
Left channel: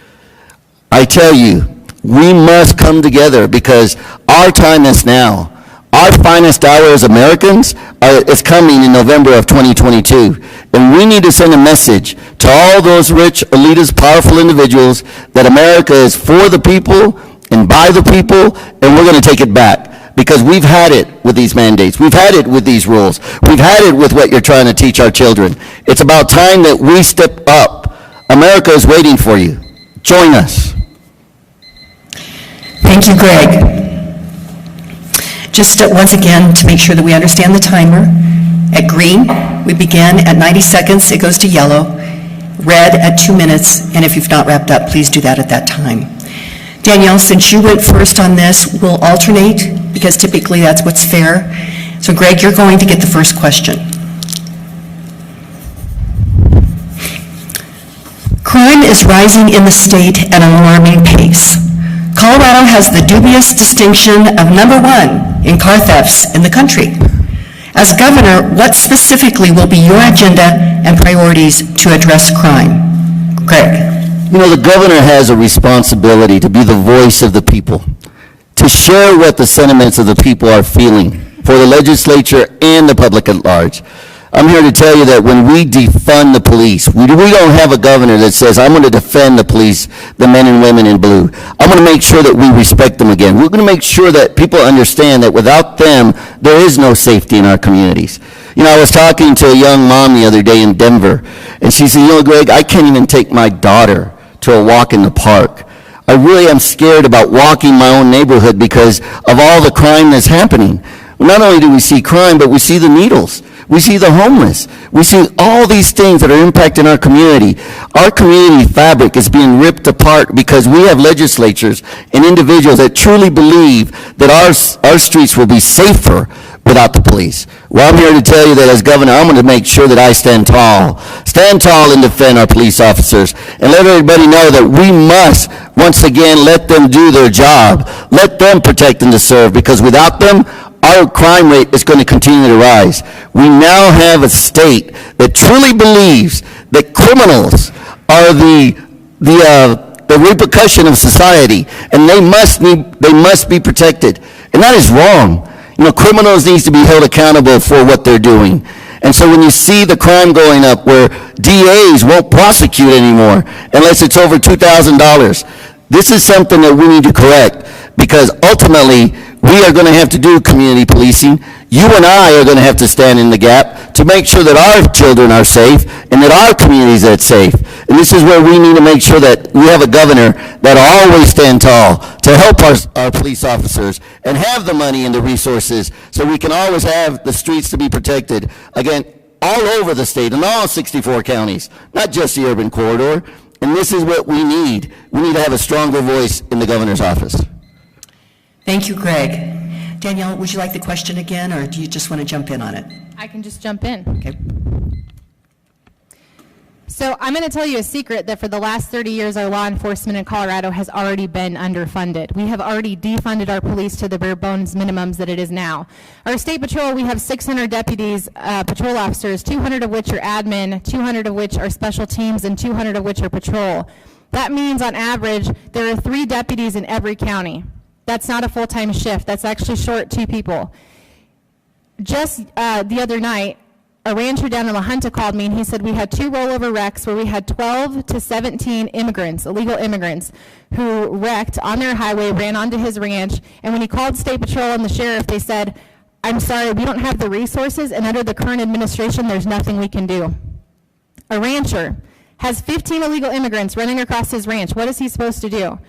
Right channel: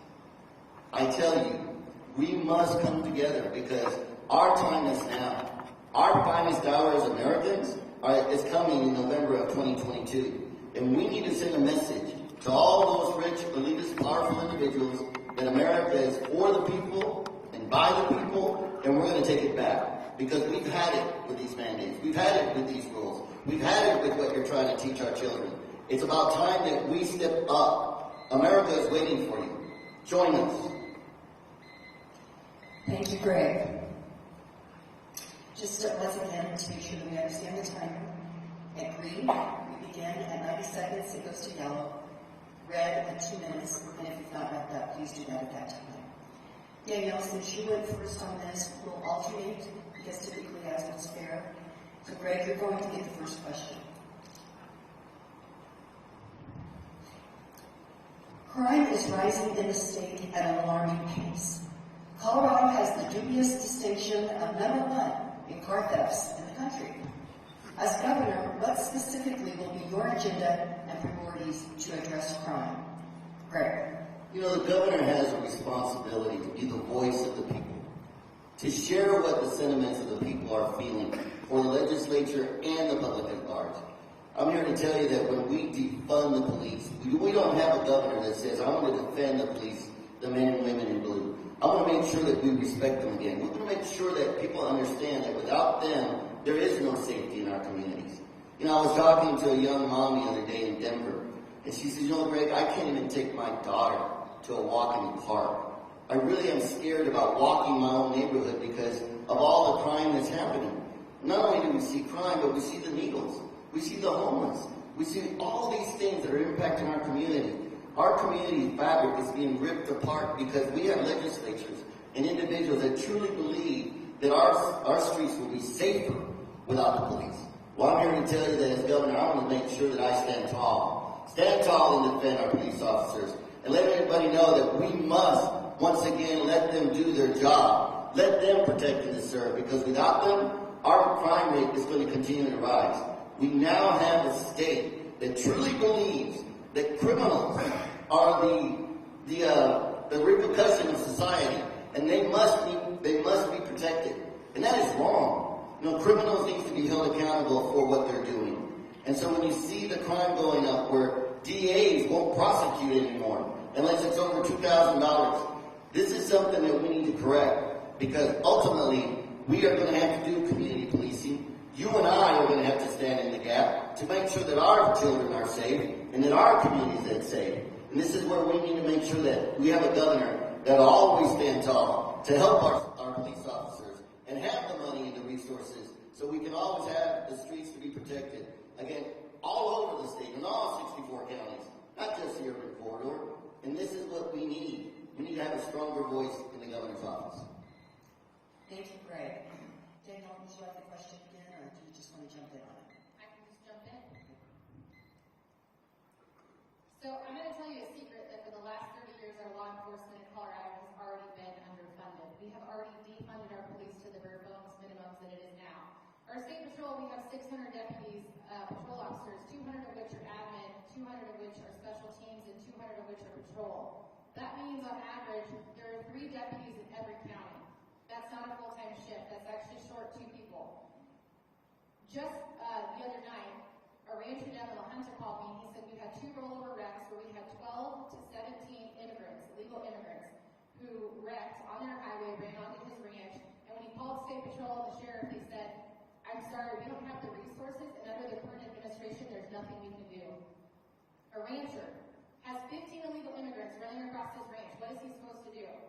I tell you, we must come together because our time is now. Our finest hour as Americans is coming in November of 2022. And we need to send a message to all those rich, elitist, powerful individuals that America is for the people and by the people, and we're going to take it back. Because we've had it with these mandates. We've had it with these rules. We've had it with what you're trying to teach our children. It's about time that we step up. America is waiting for you. Join us. Thank you, Greg. Just once again, to make sure that we understand the timer, at green, we begin at 90 seconds, it goes to yellow, red at 2 minutes, and if you've not wrapped up, please do that at that time. Danielle, since you went first on this, we'll alternate, because typically that's what's fair. So Greg, you're going to get the first question. Crime is rising in the state at an alarming pace. Colorado has the dubious distinction of #1 in car thefts in the country. As governor, what specifically will be your agenda and priorities to address crime? Greg. You know, the governor has a responsibility to be the voice of the people, to share what the sentiments of the people are feeling for the legislature and the public at large. I'm here to tell you that when we defund the police, we don't have a governor that says, I'm going to defend the police, the men and women in blue. I'm going to make sure that we respect them again. We're going to make sure that people understand that without them, there is no safety in our communities. You know, I was talking to a young mom the other day in Denver, and she said, you know, Greg, I can't even take my daughter to a walk in the park. I really am scared about walking my own neighborhood because of all the crime that's happening. Not only do we see crime, but we see the needles. We see the homeless. We see all these things that are impacting our community. Our community fabric is being ripped apart because we have legislatures and individuals that truly believe that our streets will be safer without the police. Well, I'm here to tell you that as governor, I'm going to make sure that I stand tall and defend our police officers, and let everybody know that we must, once again, let them do their job. Let them protect and to serve, because without them, our crime rate is going to continue to rise. We now have a state that truly believes that criminals are the repercussion of society, and they must be protected. And that is wrong. You know, criminals need to be held accountable for what they're doing. And so when you see the crime going up where DAs won't prosecute anymore unless it's over $2,000, this is something that we need to correct, because ultimately we are going to have to do community policing. You and I are going to have to stand in the gap to make sure that our children are safe and that our communities are safe. And this is where we need to make sure that we have a governor that always stand tall to help our police officers and have the money and the resources so we can always have the streets to be protected, again, all over the state, in all 64 counties, not just the urban corridor. And this is what we need. We need to have a stronger voice in the governor's office. Thank you, Greg. Danielle, would you like the question again, or do you just want to jump in on it? I can just jump in. Okay. So I'm going to tell you a secret that for the last 30 years, our law enforcement in Colorado has already been underfunded. We have already defunded our police to the bare bones minimums that it is now. Our state patrol, we have 600 deputies, patrol officers, 200 of which are admin, 200 of which are special teams, and 200 of which are patrol. That means on average, there are 3 deputies in every county. That's not a full-time shift. That's actually short 2 people. Just the other night, a rancher down in La Junta called me, and he said we had 2 rollover wrecks where we had 12 to 17 immigrants, illegal immigrants, who wrecked on their highway, ran onto his ranch, and when he called State Patrol and the sheriff, they said, I'm sorry, we don't have the resources, and under the current administration, there's nothing we can do. A rancher has 15 illegal immigrants running across his ranch. What is he supposed to do?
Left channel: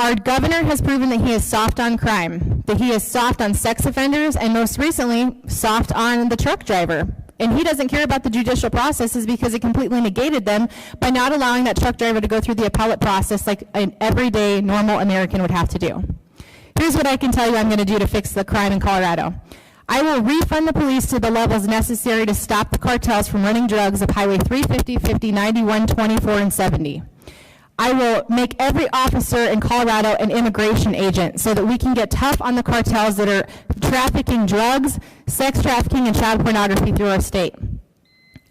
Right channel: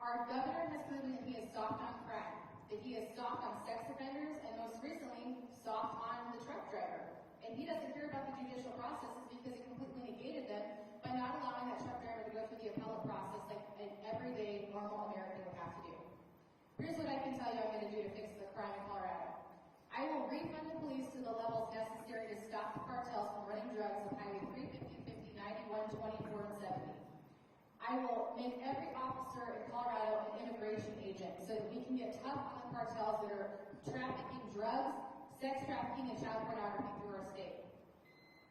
Our governor has proven that he is soft on crime, that he is soft on sex offenders, and most recently, soft on the truck driver. And he doesn't care about the judicial processes because it completely negated them by not allowing that truck driver to go through the appellate process like an everyday normal American would have to do. Here's what I can tell you I'm going to do to fix the crime in Colorado. I will refund the police to the levels necessary to stop the cartels from running drugs up Highway 350, 50, 91, 24, and 70. I will make every officer in Colorado an immigration agent so that we can get tough on the cartels that are trafficking drugs, sex trafficking, and child pornography through our state.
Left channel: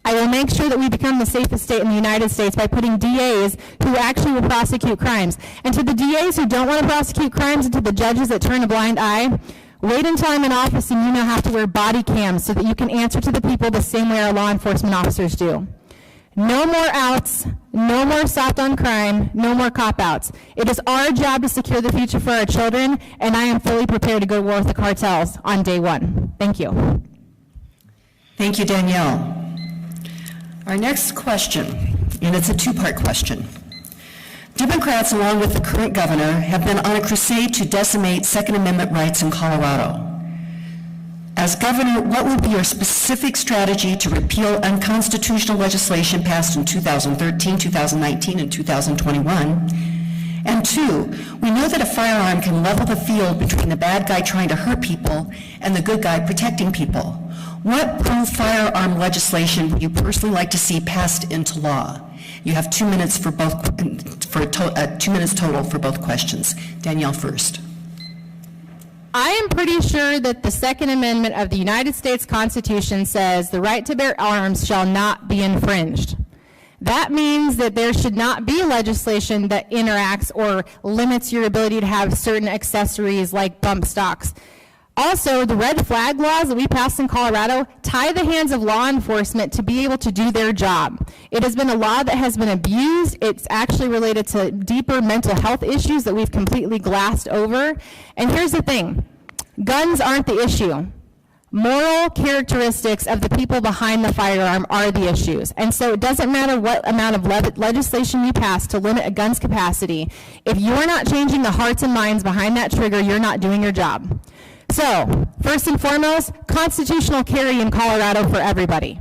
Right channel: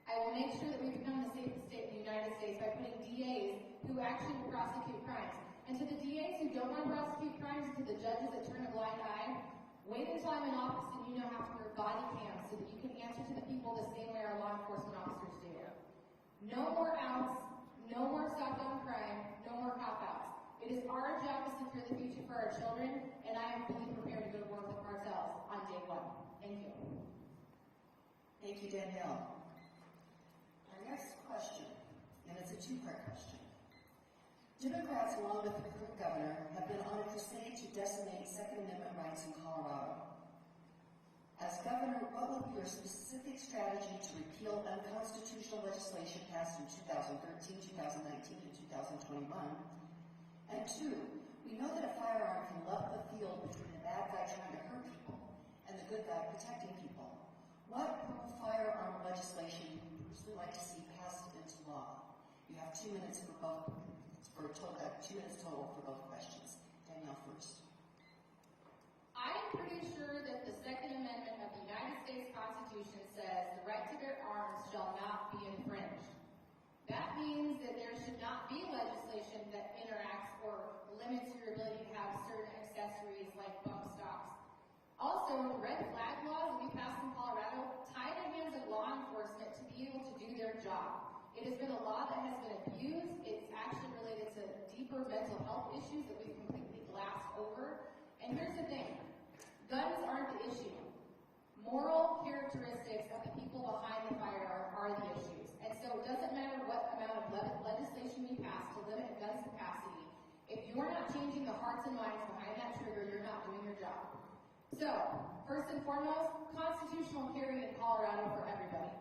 I will make sure that we become the safest state in the United States by putting DAs who actually will prosecute crimes. And to the DAs who don't want to prosecute crimes and to the judges that turn a blind eye, wait until I'm in office and you now have to wear body cams so that you can answer to the people the same way our law enforcement officers do. No more outs, no more soft on crime, no more cop-outs. It is our job to secure the future for our children, and I am fully prepared to go to war with the cartels on day one. Thank you. Thank you, Danielle. Our next question, and it's a two-part question. Democrats, along with the current governor, have been on a crusade to decimate Second Amendment rights in Colorado. As governor, what will be your specific strategy to repeal unconstitutional legislation passed in 2013, 2019, and 2021? And two, we know that a firearm can level the field between the bad guy trying to hurt people and the good guy protecting people. What pro-firearm legislation would you personally like to see passed into law? You have 2 minutes for both, 2 minutes total for both questions. Danielle first. I am pretty sure that the Second Amendment of the United States Constitution says the right to bear arms shall not be infringed. That means that there should not be legislation that interacts or limits your ability to have certain accessories like bump stocks. Also, the red flag laws that we passed in Colorado tie the hands of law enforcement to be able to do their job. It has been a law that has been abused. It's actually related to deeper mental health issues that we've completely glassed over. And here's the thing, guns aren't the issue. Moral characteristics of the people behind the firearm are the issues. And so it doesn't matter what amount of legislation you pass to limit a gun's capacity. If you're not changing the hearts and minds behind that trigger, you're not doing your job. So, first and foremost, constitutional carry in Colorado for everybody.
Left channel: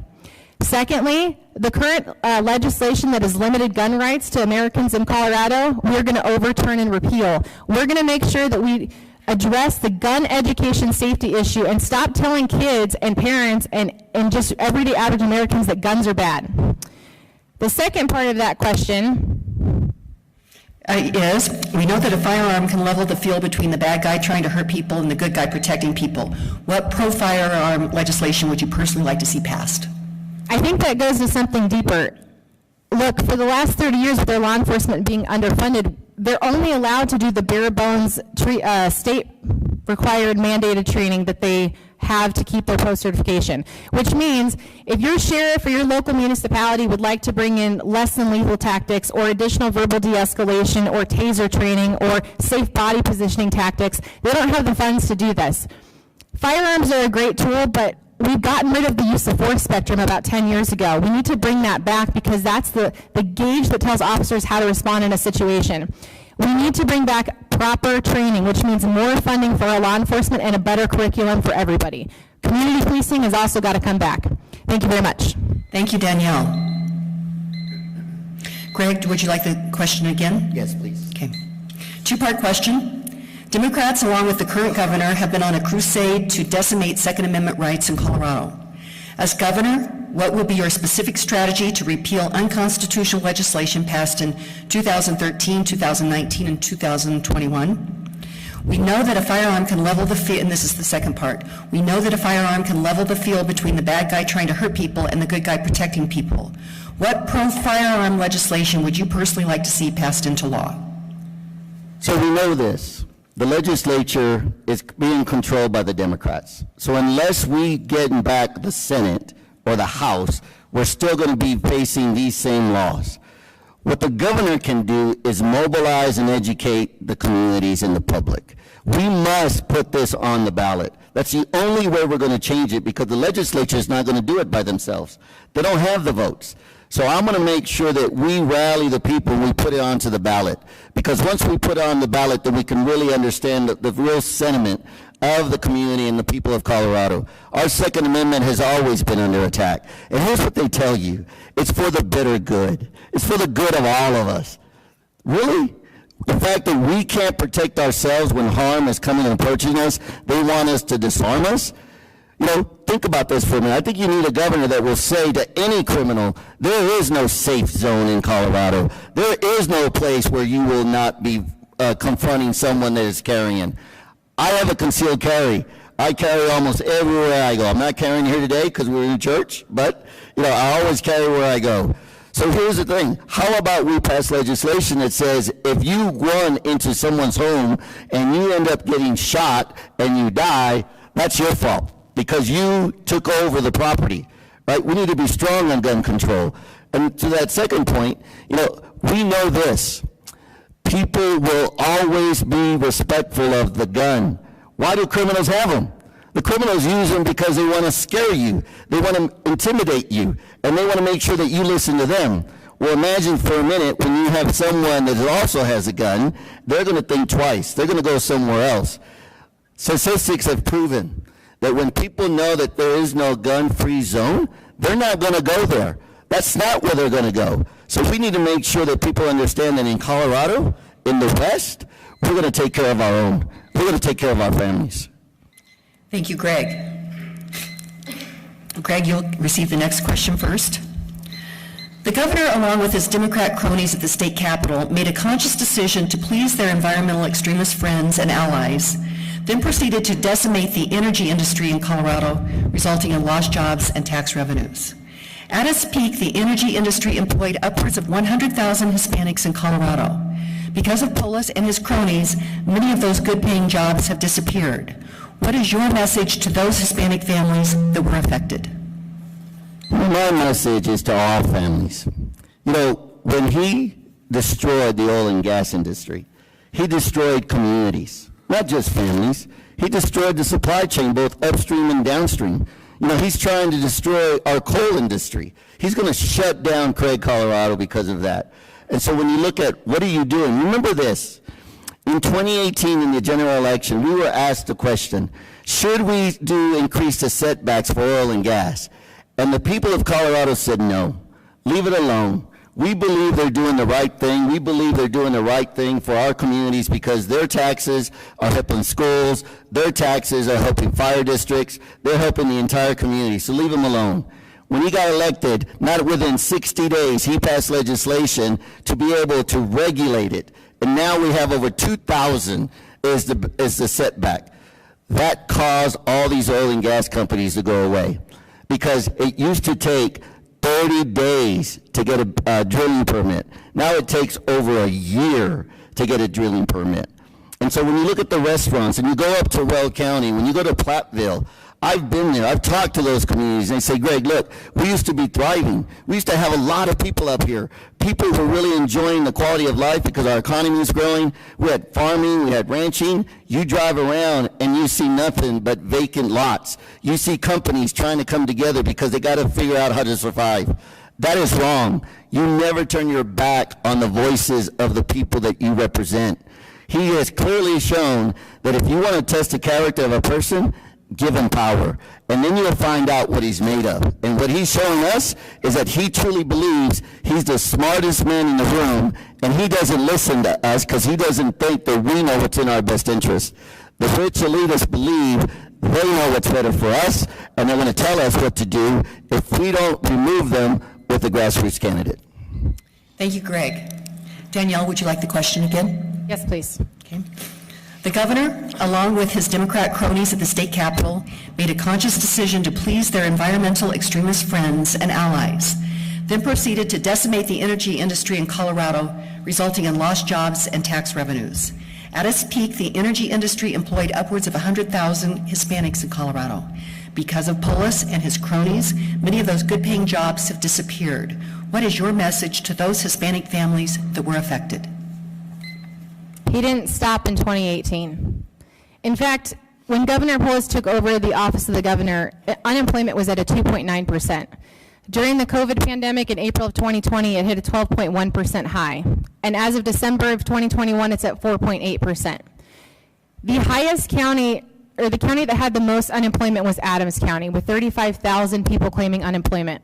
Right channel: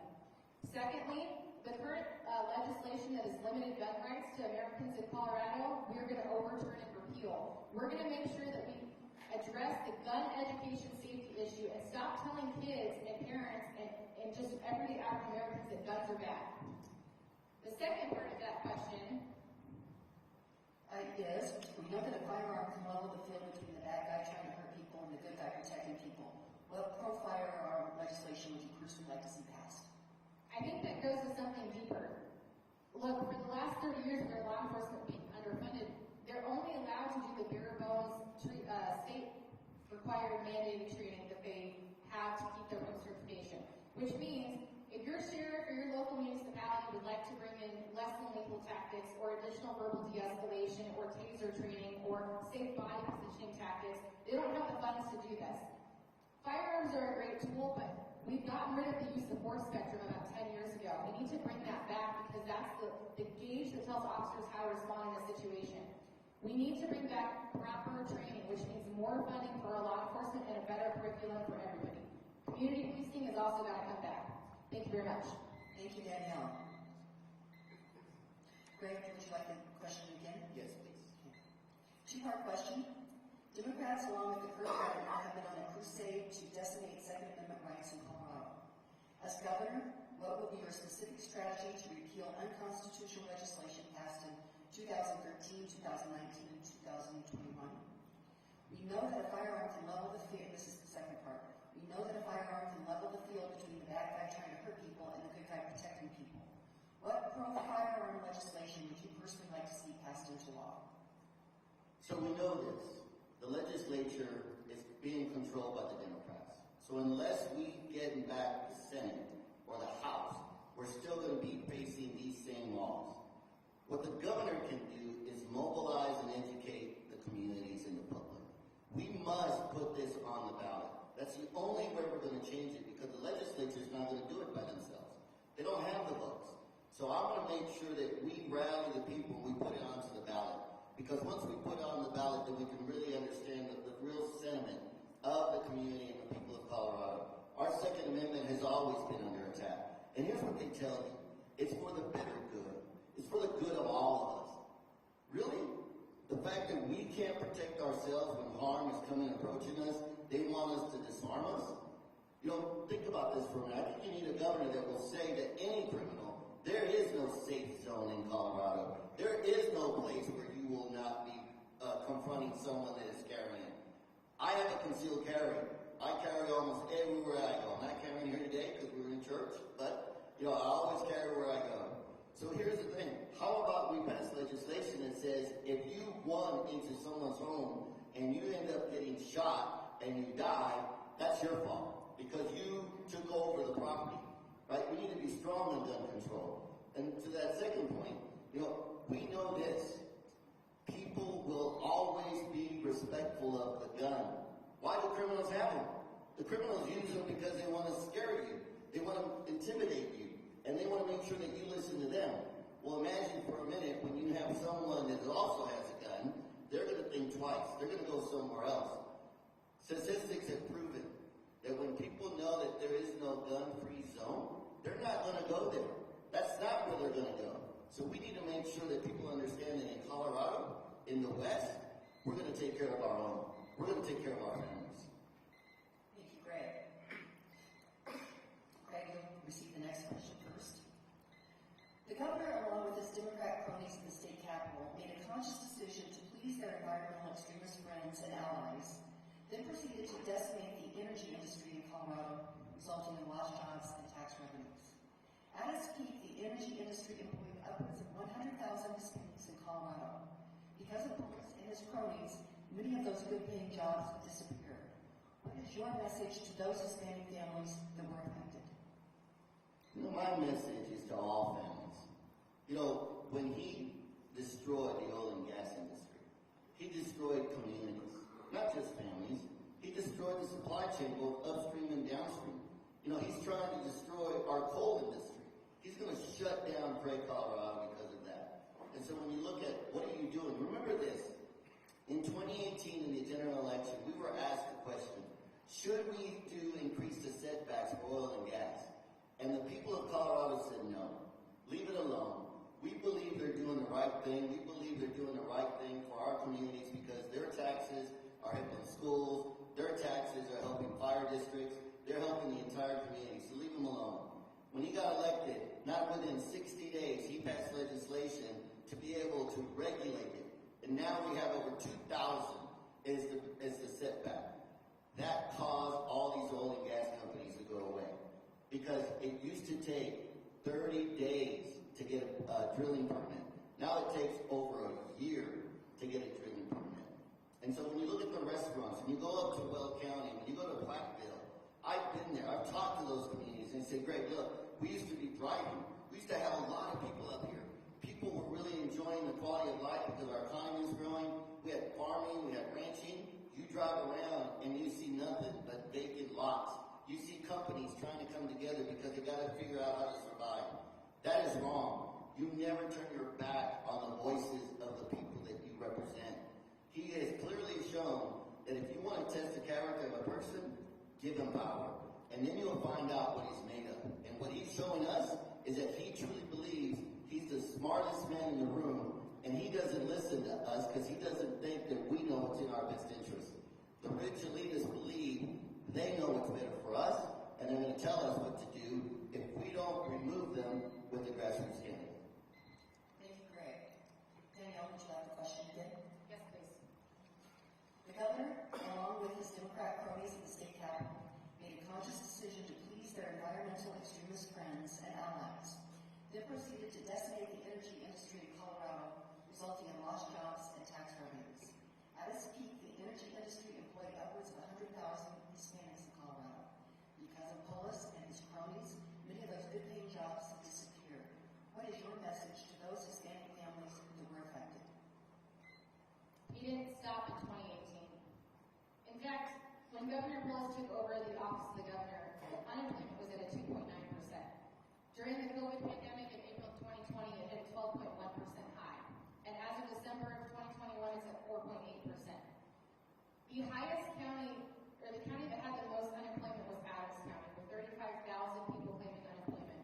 Secondly, the current legislation that has limited gun rights to Americans in Colorado, we're going to overturn and repeal. We're going to make sure that we address the gun education safety issue and stop telling kids and parents and just everyday average Americans that guns are bad. The second part of that question is, we know that a firearm can level the field between the bad guy trying to hurt people and the good guy protecting people. What pro-firearm legislation would you personally like to see passed? I think that goes to something deeper. Look, for the last 30 years with their law enforcement being underfunded, they're only allowed to do the bare bones state-required mandated training that they have to keep their post-certification, which means if your sheriff or your local municipality would like to bring in less than lethal tactics or additional verbal de-escalation or taser training or safe body positioning tactics, they don't have the funds to do this. Firearms are a great tool, but we've gotten rid of the use of force spectrum about 10 years ago. We need to bring that back because that's the gauge that tells officers how to respond in a situation. We need to bring back proper training, which means more funding for our law enforcement and a better curriculum for everybody. Community policing has also got to come back. Thank you very much. Thank you, Danielle. Greg, would you like the question again? Yes, please. Okay. Two-part question. Democrats, along with the current governor, have been on a crusade to decimate Second Amendment rights in Colorado. As governor, what will be your specific strategy to repeal unconstitutional legislation passed in 2013, 2019, and 2021? We know that a firearm can level the field, and this is the second part. We know that a firearm can level the field between the bad guy trying to hurt people and the good guy protecting people. What pro-firearm legislation would you personally like to see passed into law? So we know this. The legislature is being controlled by the Democrats. So unless we get back the Senate or the House, we're still going to be facing these same laws. What the governor can do is mobilize and educate the communities and the public. We must put this on the ballot. That's the only way we're going to change it because the legislature is not going to do it by themselves. They don't have the votes. So I'm going to make sure that we rally the people and we put it onto the ballot. Because once we put it on the ballot, then we can really understand the real sentiment of the community and the people of Colorado. Our Second Amendment has always been under attack. And here's what they tell you. It's for the better good. It's for the good of all of us. Really? The fact that we can't protect ourselves when harm is coming and approaching us, they want us to disarm us? You know, think about this for a minute. I think you need a governor that will say to any criminal, there is no safe zone in Colorado. There is no place where you will not be confronting someone that is carrying. I have a concealed carry. I carry almost everywhere I go. I'm not carrying here today because we're in church, but I always carry where I go. So here's the thing. How about we pass legislation that says if you run into someone's home and you end up getting shot and you die, that's your fault because you took over the property, right? We need to be strong on gun control. And to that second point, we know this. People will always be respectful of the gun. Why do criminals have them? The criminals use them because they want to scare you. They want to intimidate you. And they want to make sure that you listen to them. Well, imagine for a minute when you have someone that also has a gun, they're going to think twice. They're going to go somewhere else. Statistics have proven that when people know that there is no gun-free zone, they're not going to go there. That's not where they're going to go. So we need to make sure that people understand that in Colorado, in the West, we're going to take care of our own. We're going to take care of our families. Thank you, Greg. Greg, you'll receive the next question first. The governor, along with his Democrat cronies at the state capitol, made a conscious decision to please their environmental extremist friends and allies, then proceeded to decimate the energy industry in Colorado, resulting in lost jobs and tax revenues. At its peak, the energy industry employed upwards of 100,000 Hispanics in Colorado. Because of Polis and his cronies, many of those good-paying jobs have disappeared. What is your message to those Hispanic families that were affected? My message is to all families. When he destroyed the oil and gas industry, he destroyed communities, not just families. He destroyed the supply chain, both upstream and downstream. He's trying to destroy our coal industry. He's going to shut down Craig, Colorado because of that. And so when you look at what are you doing, remember this. In 2018, in the general election, we were asked the question, should we increase the setbacks for oil and gas? And the people of Colorado said no. Leave it alone. We believe they're doing the right thing. We believe they're doing the right thing for our communities because their taxes are helping schools, their taxes are helping fire districts, they're helping the entire community, so leave them alone. When he got elected, not within 60 days, he passed legislation to be able to regulate it. And now we have over 2,000 is the setback. That caused all these oil and gas companies to go away because it used to take 30 days to get a drilling permit. Now it takes over a year to get a drilling permit. And so when you look at the restaurants and you go up to Weld County, when you go to Platteville, I've been there, I've talked to those communities, and they say, Greg, look, we used to be thriving. We used to have a lot of people up here. People were really enjoying the quality of life because our economy was growing. We had farming, we had ranching. You drive around and you see nothing but vacant lots. You see companies trying to come together because they got to figure out how to survive. That is wrong. You never turn your back on the voices of the people that you represent. He has clearly shown that if you want to test the character of a person, give him power, and then you'll find out what he's made of. And what he's showing us is that he truly believes he's the smartest man in the room, and he doesn't listen to us because he doesn't think that we know what's in our best interest. The rich elitists believe they know what's better for us, and they're going to tell us what to do if we don't remove them with the grassroots candidate. Thank you, Greg. Danielle, would you like the question again? Yes, please. Okay. The governor, along with his Democrat cronies at the state capitol, made a conscious decision to please their environmental extremist friends and allies, then proceeded to decimate the energy industry in Colorado, resulting in lost jobs and tax revenues. At its peak, the energy industry employed upwards of 100,000 Hispanics in Colorado. Because of Polis and his cronies, many of those good-paying jobs have disappeared. What is your message to those Hispanic families that were affected? He didn't stop in 2018. In fact, when Governor Polis took over the office of the governor, unemployment was at a 2.9%. During the COVID pandemic in April of 2020, it hit a 12.1% high. And as of December of 2021, it's at 4.8%. The highest county the county that had the most unemployment was Adams County, with 35,000 people claiming unemployment.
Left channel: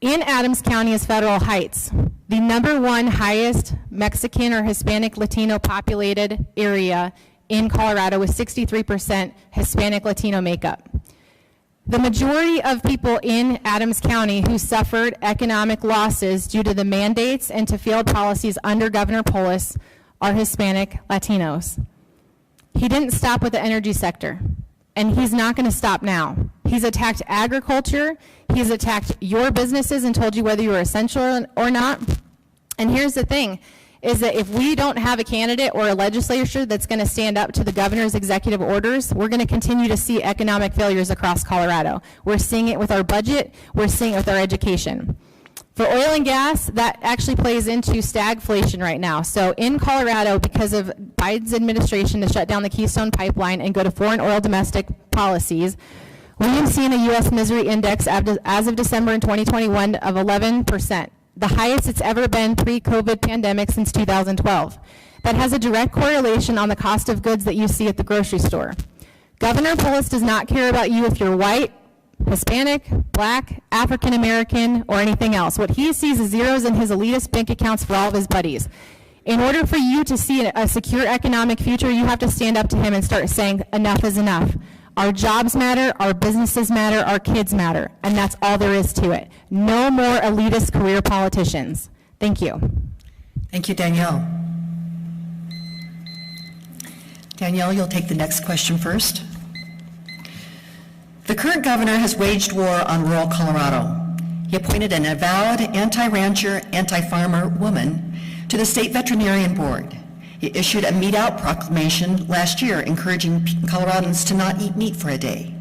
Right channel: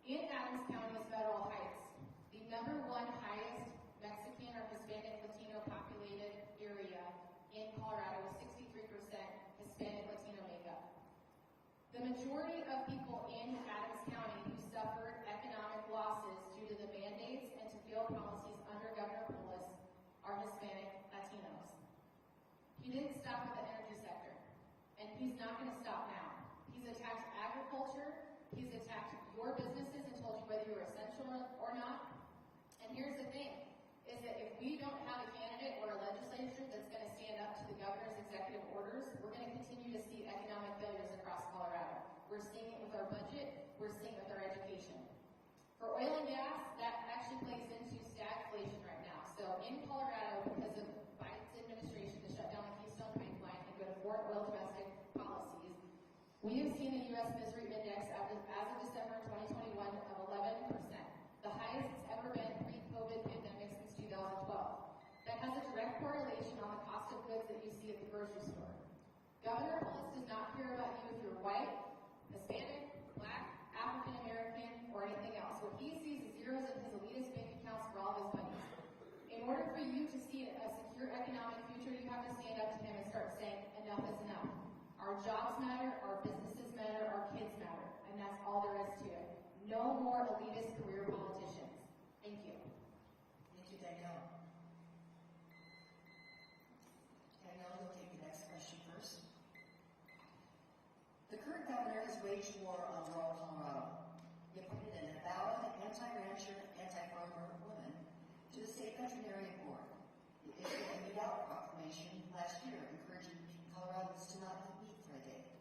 In Adams County is Federal Heights, the #1 highest Mexican or Hispanic Latino populated area in Colorado, with 63% Hispanic Latino makeup. The majority of people in Adams County who suffered economic losses due to the mandates and to failed policies under Governor Polis are Hispanic Latinos. He didn't stop with the energy sector, and he's not going to stop now. He's attacked agriculture, he's attacked your businesses and told you whether you were essential or not. And here's the thing, is that if we don't have a candidate or a legislature that's going to stand up to the governor's executive orders, we're going to continue to see economic failures across Colorado. We're seeing it with our budget, we're seeing it with our education. For oil and gas, that actually plays into stagflation right now. So in Colorado, because of Biden's administration to shut down the Keystone Pipeline and go to foreign oil domestic policies, we have seen a U.S. misery index as of December in 2021 of 11%. The highest it's ever been pre-COVID pandemic since 2012. That has a direct correlation on the cost of goods that you see at the grocery store. Governor Polis does not care about you if you're white, Hispanic, black, African American, or anything else. What he sees is zeros in his elitist bank accounts for all of his buddies. In order for you to see a secure economic future, you have to stand up to him and start saying, enough is enough. Our jobs matter, our businesses matter, our kids matter, and that's all there is to it. No more elitist career politicians. Thank you. Thank you, Danielle. Danielle, you'll take the next question first. The current governor has waged war on rural Colorado. He appointed an avowed anti-rancher, anti-farmer woman to the state veterinarian board. He issued a meat out proclamation last year encouraging Coloradans to not eat meat for a day.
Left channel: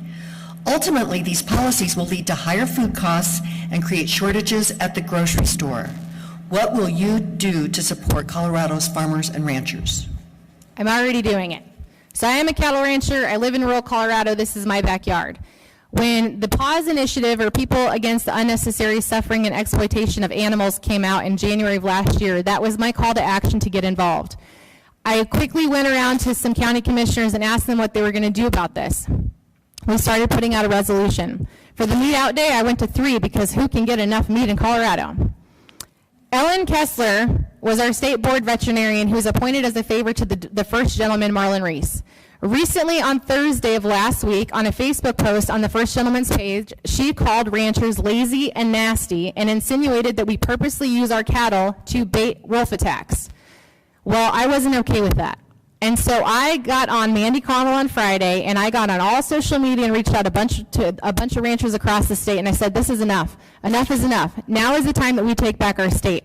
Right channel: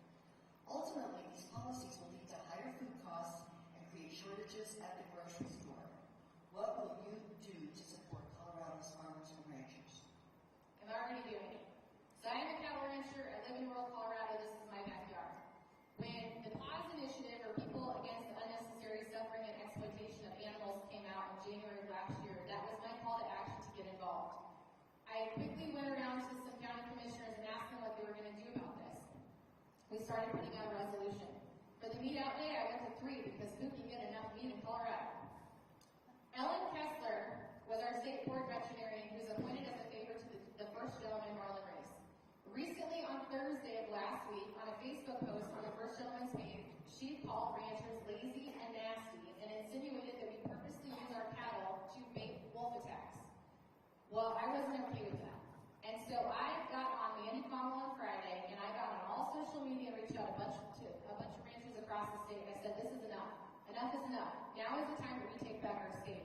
Ultimately, these policies will lead to higher food costs and create shortages at the grocery store. What will you do to support Colorado's farmers and ranchers? I'm already doing it. So I am a cattle rancher. I live in rural Colorado. This is my backyard. When the Pause Initiative, or People Against the Unnecessary Suffering and Exploitation of Animals, came out in January of last year, that was my call to action to get involved. I quickly went around to some county commissioners and asked them what they were going to do about this. We started putting out a resolution. For the meat out day, I went to 3 because who can get enough meat in Colorado? Ellen Kessler was our state board veterinarian who was appointed as a favor to the first gentleman, Marlon Reese. Recently, on Thursday of last week, on a Facebook post on the first gentleman's page, she called ranchers lazy and nasty and insinuated that we purposely use our cattle to bait wolf attacks. Well, I wasn't okay with that. And so I got on Mandy Connell on Friday, and I got on all social media and reached out to a bunch of ranchers across the state, and I said, this is enough. Enough is enough. Now is the time that we take back our state.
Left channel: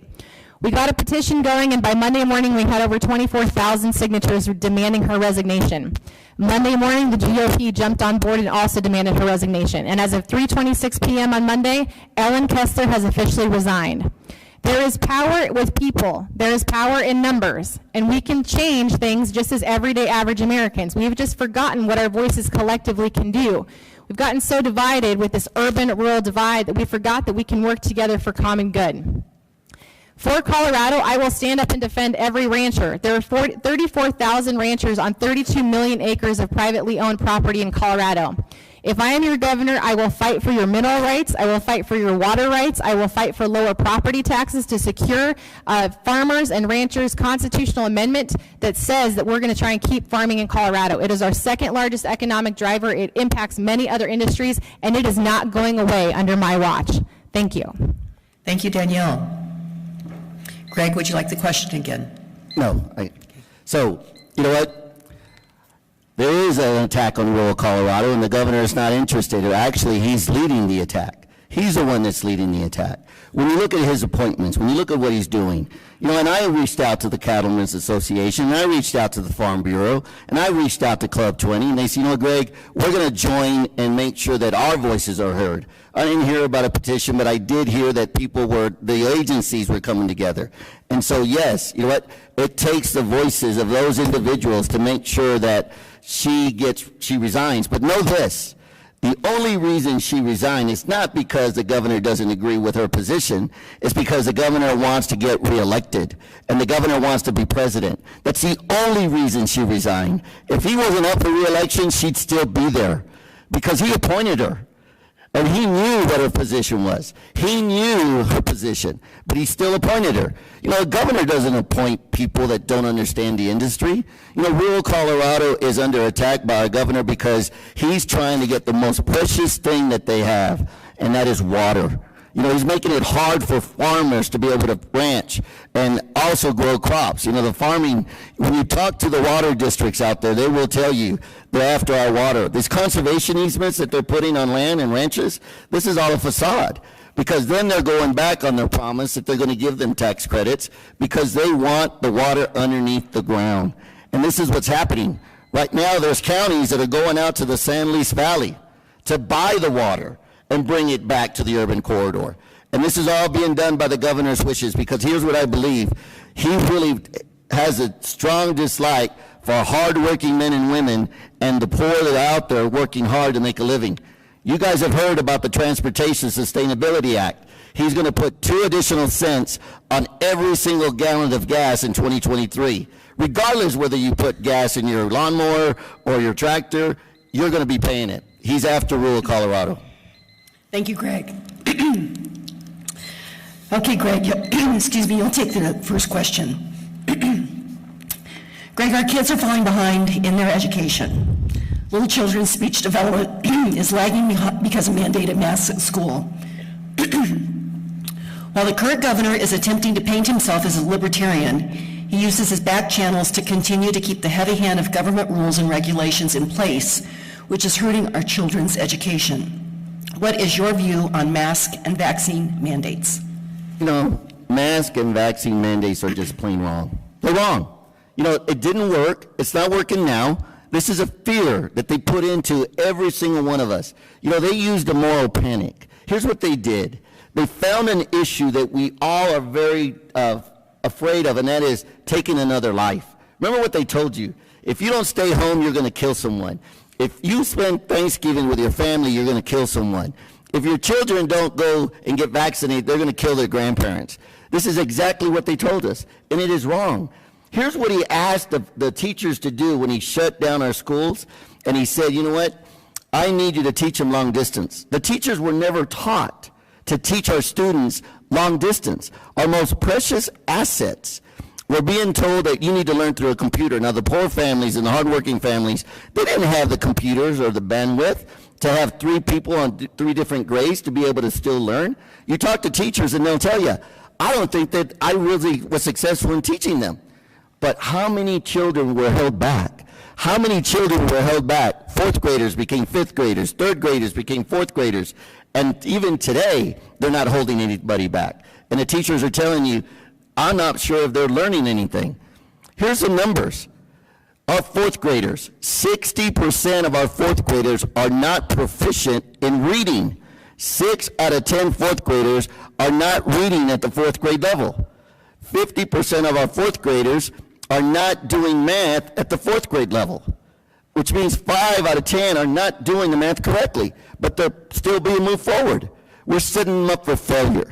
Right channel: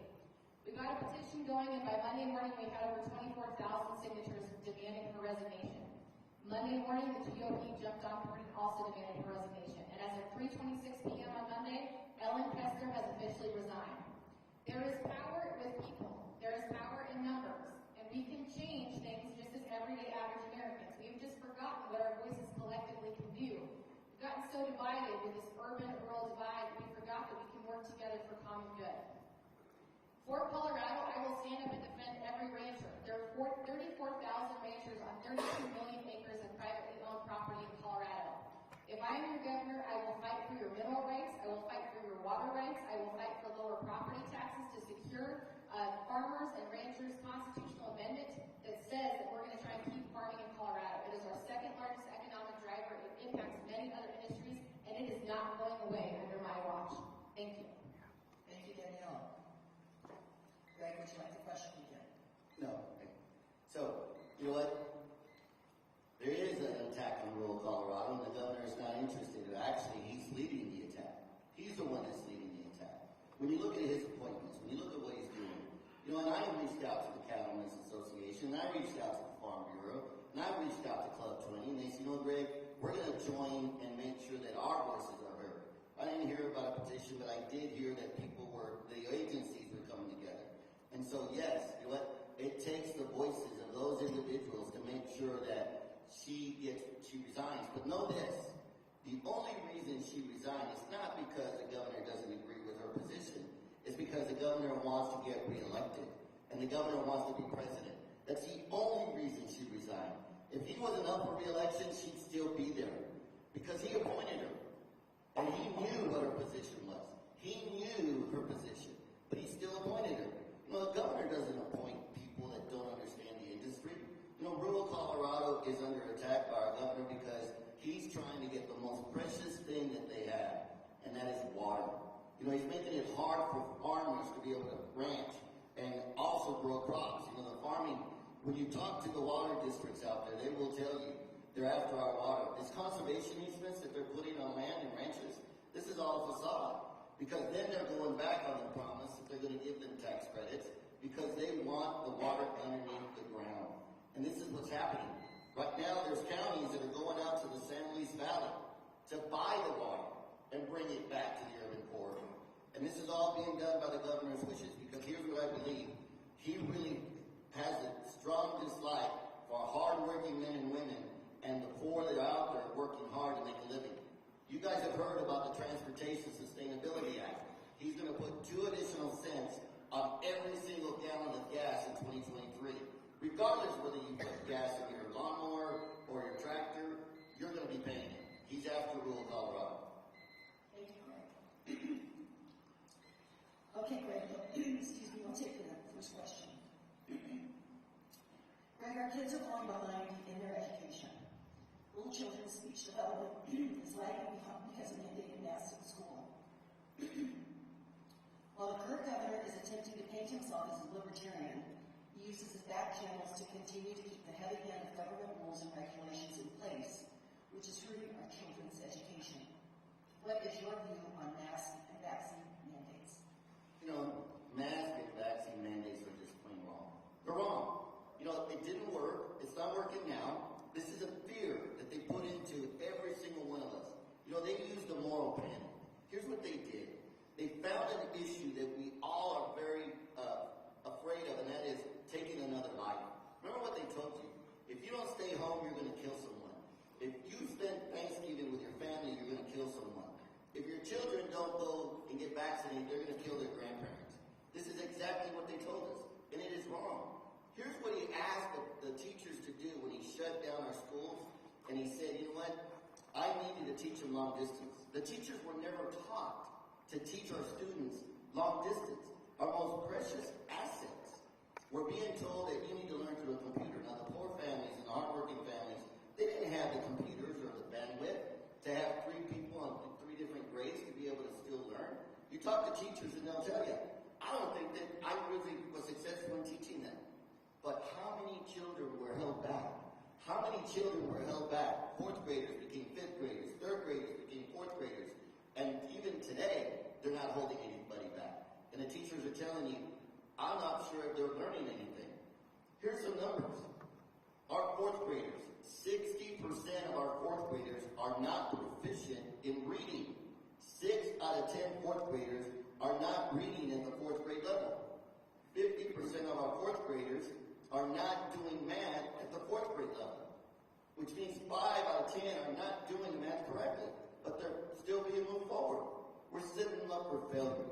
We got a petition going, and by Monday morning, we had over 24,000 signatures demanding her resignation. Monday morning, the GOP jumped on board and also demanded her resignation. And as of 3:26 p.m. on Monday, Ellen Kessler has officially resigned. There is power with people. There is power in numbers. And we can change things just as everyday average Americans. We've just forgotten what our voices collectively can do. We've gotten so divided with this urban-rural divide that we forgot that we can work together for common good. For Colorado, I will stand up and defend every rancher. There are 34,000 ranchers on 32 million acres of privately owned property in Colorado. If I am your governor, I will fight for your mineral rights, I will fight for your water rights, I will fight for lower property taxes to secure farmers and ranchers' constitutional amendment that says that we're going to try and keep farming in Colorado. It is our second largest economic driver. It impacts many other industries, and it is not going away under my watch. Thank you. Thank you, Danielle. Greg, would you like the question again? No. So, you know what? There is an attack on rural Colorado, and the governor is not interested. Actually, he's leading the attack. He's the one that's leading the attack. When you look at his appointments, when you look at what he's doing, you know, and I reached out to the Cattlemen's Association, and I reached out to the Farm Bureau, and I reached out to Club 20, and they said, you know, Greg, we're going to join and make sure that our voices are heard. I didn't hear about a petition, but I did hear that the agencies were coming together. And so, yes, you know what? It takes the voices of those individuals to make sure that she resigns. But know this, The only reason she resigned is not because the governor doesn't agree with her position. It's because the governor wants to get reelected, and the governor wants to be president. That's the only reason she resigned. If he wasn't up for reelection, she'd still be there, because he appointed her. And he knew what her position was. He knew her position, but he still appointed her. You know, a governor doesn't appoint people that don't understand the industry. You know, rural Colorado is under attack by our governor because he's trying to get the most precious thing that they have, and that is water. You know, he's making it hard for farmers to be able to ranch and also grow crops. You know, the farming, when you talk to the water districts out there, they will tell you they're after our water. These conservation easements that they're putting on land and ranches, this is all a facade. Because then they're going back on their promise that they're going to give them tax credits because they want the water underneath the ground. And this is what's happening. Right now, there's counties that are going out to the San Luis Valley to buy the water and bring it back to the urban corridor. And this is all being done by the governor's wishes, because here's what I believe. He really has a strong dislike for hardworking men and women and the poor that are out there working hard to make a living. You guys have heard about the Transportation Sustainability Act. He's going to put 2 additional cents on every single gallon of gas in 2023. Regardless whether you put gas in your lawnmower or your tractor, you're going to be paying it. He's after rural Colorado. Thank you, Greg. Okay, Greg, excuse me, you'll take the first question. Greg, our kids are falling behind in their education. Little children's speech development is lagging because of mandated masks at school. While the current governor is attempting to paint himself as a libertarian, he uses his back channels to continue to keep the heavy hand of government rules and regulations in place, which is hurting our children's education. What is your view on mask and vaccine mandates? You know, mask and vaccine mandates are just plain wrong. They're wrong. You know, it didn't work. It's not working now. This is a fear that they put into every single one of us. You know, they used a moral panic. Here's what they did. They found an issue that we all are very afraid of, and that is taking another life. Remember what they told you. If you don't stay home, you're going to kill someone. If you spend Thanksgiving with your family, you're going to kill someone. If your children don't go and get vaccinated, they're going to kill their grandparents. This is exactly what they told us, and it is wrong. Here's what he asked the teachers to do when he shut down our schools, and he said, you know what, I need you to teach them long distance. The teachers were never taught to teach our students long distance, our most precious assets. We're being told that you need to learn through a computer. Now, the poor families and the hardworking families, they didn't have the computers or the bandwidth to have 3 people on 3 different grades to be able to still learn. You talk to teachers and they'll tell you, I don't think that I really was successful in teaching them. But how many children were held back? How many children were held back? 4th graders became 5th graders, 3rd graders became 4th graders. And even today, they're not holding anybody back. And the teachers are telling you, I'm not sure if they're learning anything. Here's some numbers. Our 4th graders, 60% of our 4th graders are not proficient in reading. 6 out of 10 4th graders are not reading at the 4th grade level. 50% of our 4th graders are not doing math at the 4th grade level, which means 5 out of 10 are not doing the math correctly, but they're still being moved forward. We're setting them up for failure.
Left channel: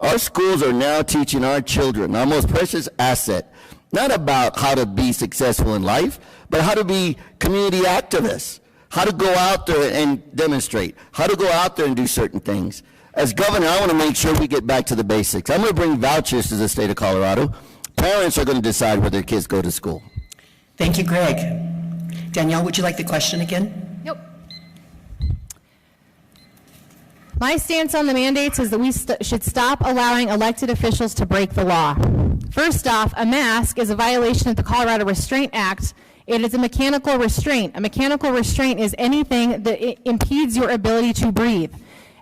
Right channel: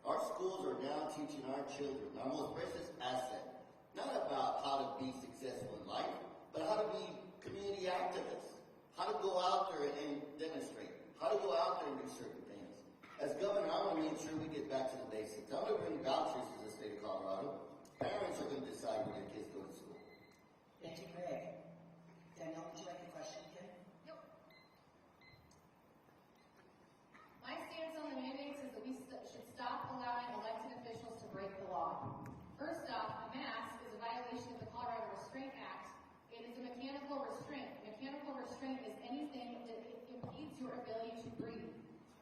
Our schools are now teaching our children, our most precious asset, not about how to be successful in life, but how to be community activists, how to go out there and demonstrate, how to go out there and do certain things. As governor, I want to make sure we get back to the basics. I'm going to bring vouchers to the state of Colorado. Parents are going to decide where their kids go to school. Thank you, Greg. Danielle, would you like the question again? Nope. My stance on the mandates is that we should stop allowing elected officials to break the law. First off, a mask is a violation of the Colorado Restraint Act. It is a mechanical restraint. A mechanical restraint is anything that impedes your ability to breathe.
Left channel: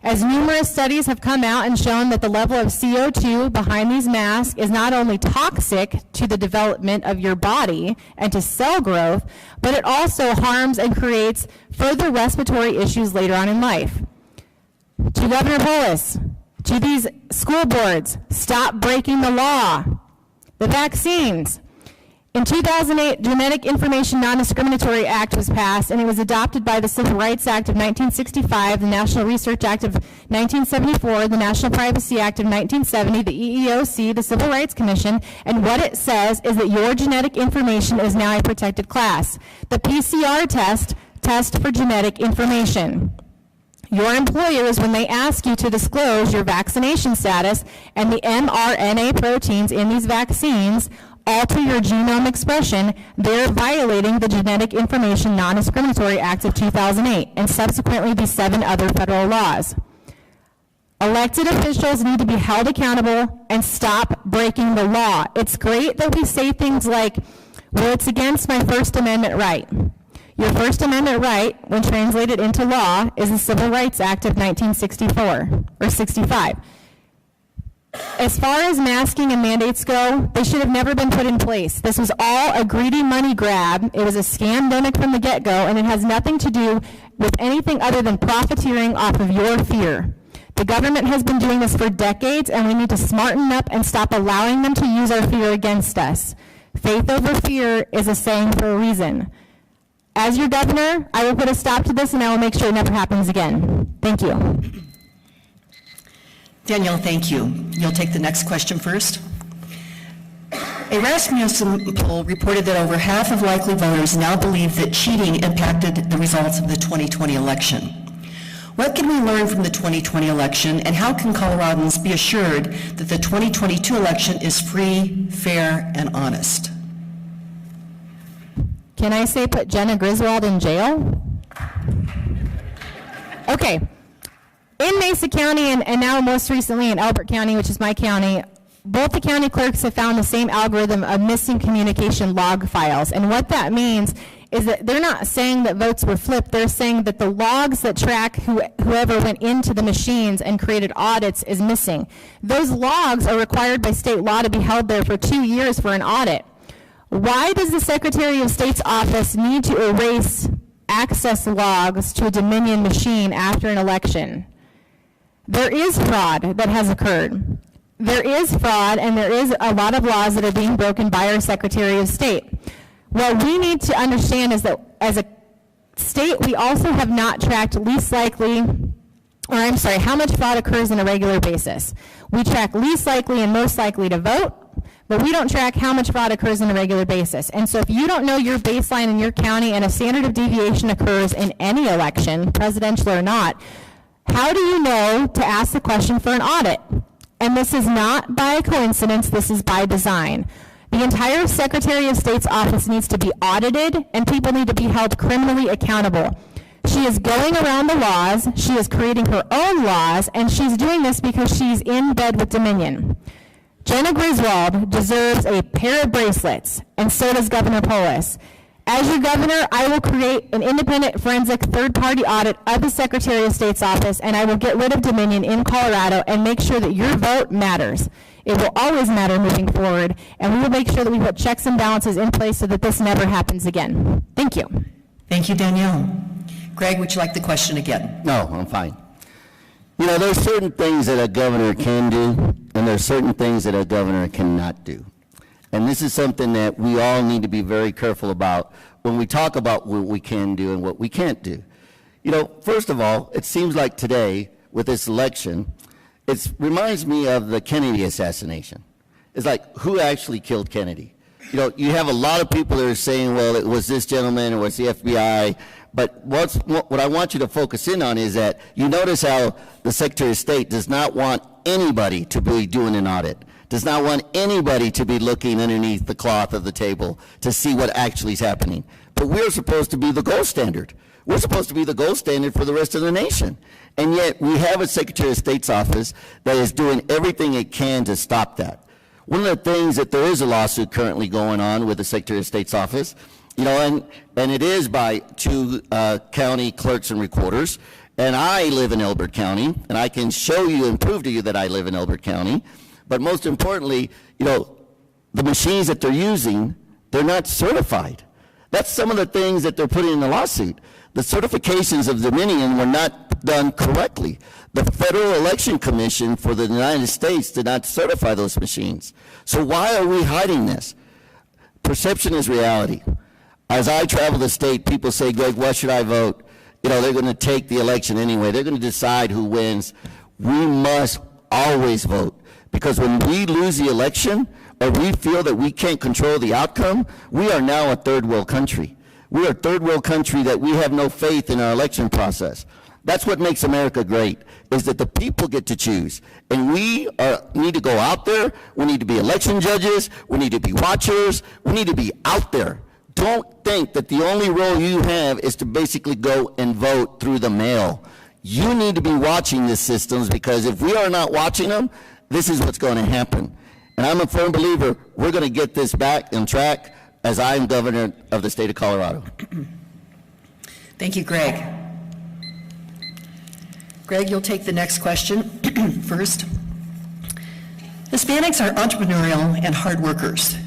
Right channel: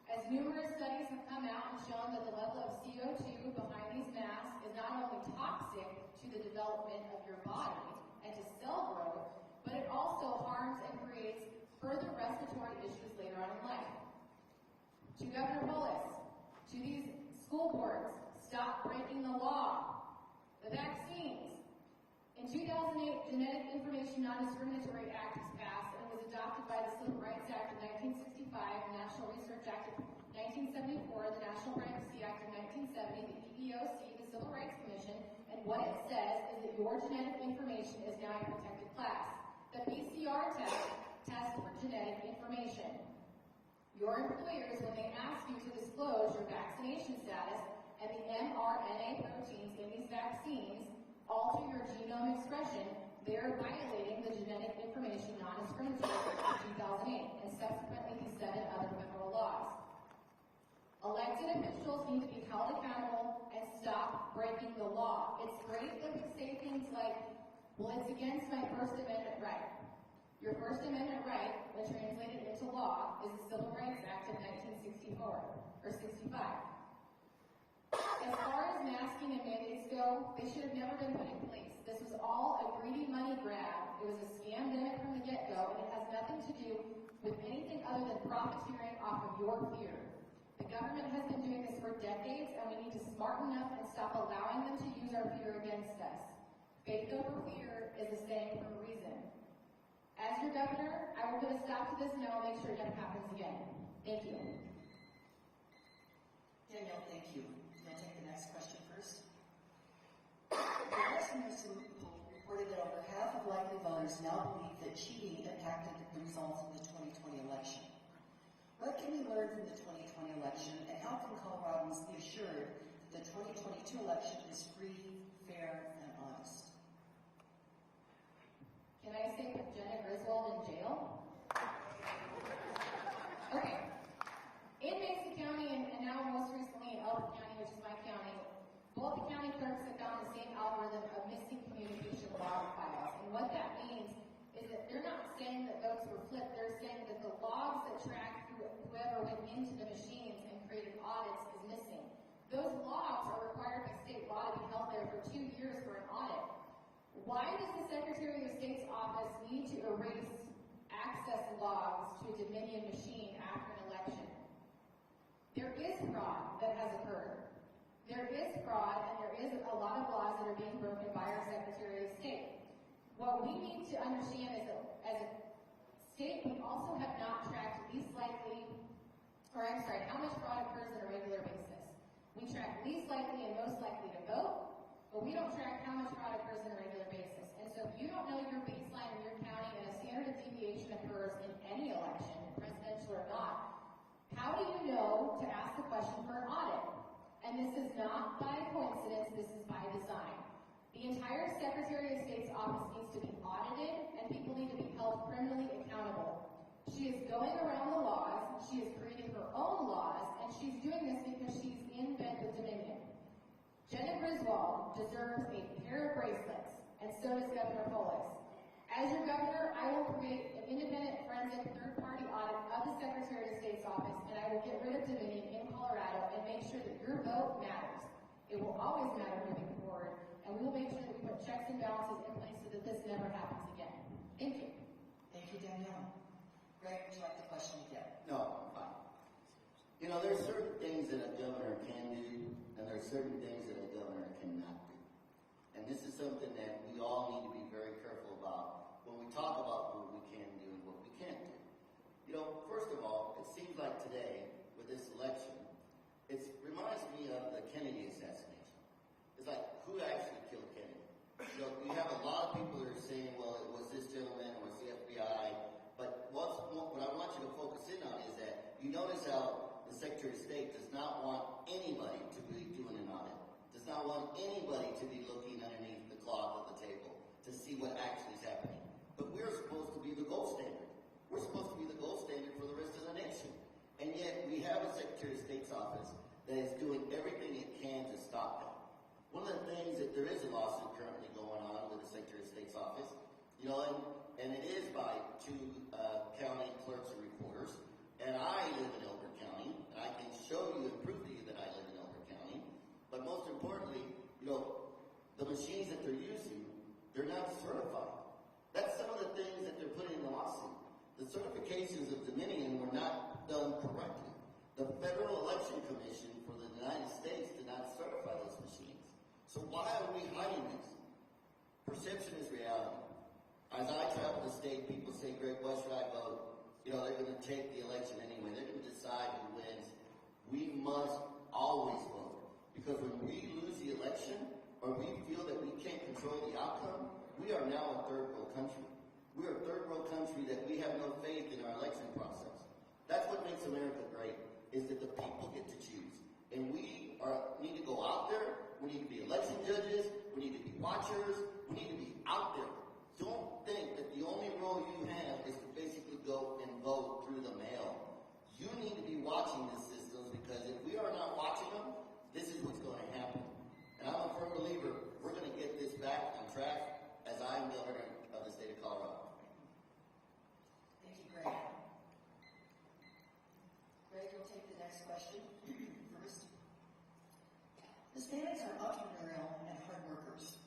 As numerous studies have come out and shown that the level of CO2 behind these masks is not only toxic to the development of your body and to cell growth, but it also harms and creates further respiratory issues later on in life. To Governor Polis, to these school boards, stop breaking the law. The vaccines. In 2008, Genetic Information Non-Discriminatory Act was passed, and it was adopted by the Civil Rights Act of 1965, the National Research Act of 1974, the National Privacy Act of 1970, the EEOC, the Civil Rights Commission, and what it says is that your genetic information is now a protected class. The PCR test for genetic information. Your employers, when they ask you to disclose your vaccination status and the mRNA proteins in these vaccines, alter your genome expression, they're violating the Genetic Information Non-Discriminatory Act of 2008 and subsequently the 7 other federal laws. Elected officials need to be held accountable and stop breaking the law. It's great that we say things like, well, it's against my First Amendment right. Your First Amendment right, when translated into law, is the Civil Rights Act of 1964, or 65. As far as masking and mandates go, they should have never been put in place. This was all a greedy money grab. It was a scandemic from the get-go, and it has nothing to do with anything other than profiteering off of your fear. The government has been doing this for decades, and we need to smarten up and stop allowing them to use our fear against us. Faith over fear is a saying for a reason. As your governor, I will put a stop to this, and I will make sure it never happens again. Thank you. Danielle, thank you. You'll take the next question first. A Rasmussen poll reported that over half of likely voters now believe that cheating impacted the results of the 2020 election. What can we learn from the 2020 election, and how can Coloradans be assured that the 2022 election is free, fair, and honest? Can I say put Jenna Griswold in jail? Okay. In Mesa County and now most recently in Elbert County, which is my county, both the county clerks have found the same algorithm of missing communication log files. And what that means is that they're not saying that votes were flipped. They're saying that the logs that track whoever went into the machines and created audits is missing. Those logs are required by state law to be held there for 2 years for an audit. Why does the Secretary of State's office need to erase access logs to a Dominion machine after an election? There is fraud that has occurred. There is fraud, and there is a lot of laws that are being broken by our Secretary of State. What we need to understand is that as a state, we also have not tracked how much fraud occurs on a regular basis. We track least likely and most likely to vote, but we don't track how much fraud occurs on a regular basis. And so if you don't know your baseline in your county and a standard of deviation occurs in any election, presidential or not, how do you know to ask the question for an audit? And this is not by coincidence, this is by design. The entire Secretary of State's office needs to be audited, and people need to be held criminally accountable. She is going around the laws, she is creating her own laws, and she's doing this because she's in bed with Dominion. Jenna Griswold deserves a pair of bracelets, and so does Governor Polis. As your governor, I will create an independent forensic third-party audit of the Secretary of State's office, and I will get rid of Dominion in Colorado and make sure that your vote matters. It will always matter moving forward, and we will make sure that we put checks and balances in place so that this never happens again. Thank you. Thank you, Danielle. Greg, would you like the question again? No, I'm fine. You know, there's certain things that a governor can do, and there's certain things that a governor cannot do. And this is something that we all need to be very careful about when we talk about what we can do and what we can't do. You know, first of all, it seems like today, with this election, it reminds me of the Kennedy assassination. It's like, who actually killed Kennedy? You know, you have a lot of people that are saying, well, it was this gentleman, or it was the FBI, but what I want you to focus in on is that you notice how the Secretary of State does not want anybody to be doing an audit, does not want anybody to be looking underneath the cloth of the table to see what actually is happening. But we're supposed to be the gold standard. We're supposed to be the gold standard for the rest of the nation. And yet we have a Secretary of State's office that is doing everything it can to stop that. One of the things that there is a lawsuit currently going on with the Secretary of State's office, you know, and it is by 2 county clerks and recorders, and I live in Elbert County, and I can show you and prove to you that I live in Elbert County, but most importantly, you know, the machines that they're using, they're not certified. That's some of the things that they're putting in the lawsuit. The certifications of Dominion were not done correctly. The Federal Election Commission for the United States did not certify those machines. So why are we hiding this? perception is reality. As I travel the state, people say, Greg, what should I vote? You know, they're going to take the election anyway. They're going to decide who wins. We must always vote, because when we lose the election or we feel that we can't control the outcome, we are now a third world country. We are a third world country that we have no faith in our election process. That's what makes America great, is that the people get to choose. And we need to go out there. We need to be election judges. We need to be watchers. We need to be out there. Don't think that the only role you have is to basically go and vote through the mail. You need to be watching these systems, because if we are not watching them, this is what's going to happen. And I'm a firm believer we're going to get this back on track as I'm governor of the state of Colorado. Thank you, Greg. Greg, you'll take the next question first. Hispanics are entrepreneurial and hard workers.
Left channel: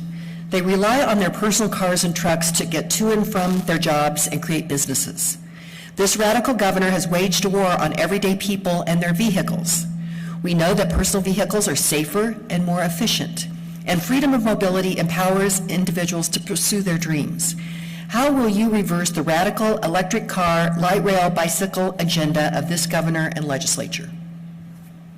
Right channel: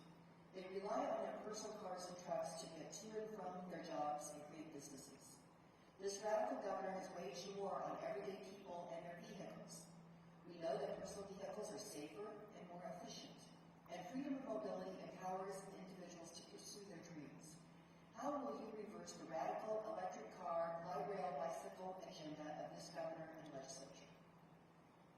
They rely on their personal cars and trucks to get to and from their jobs and create businesses. This radical governor has waged a war on everyday people and their vehicles. We know that personal vehicles are safer and more efficient, and freedom of mobility empowers individuals to pursue their dreams. How will you reverse the radical electric car, light rail, bicycle agenda of this governor and legislature?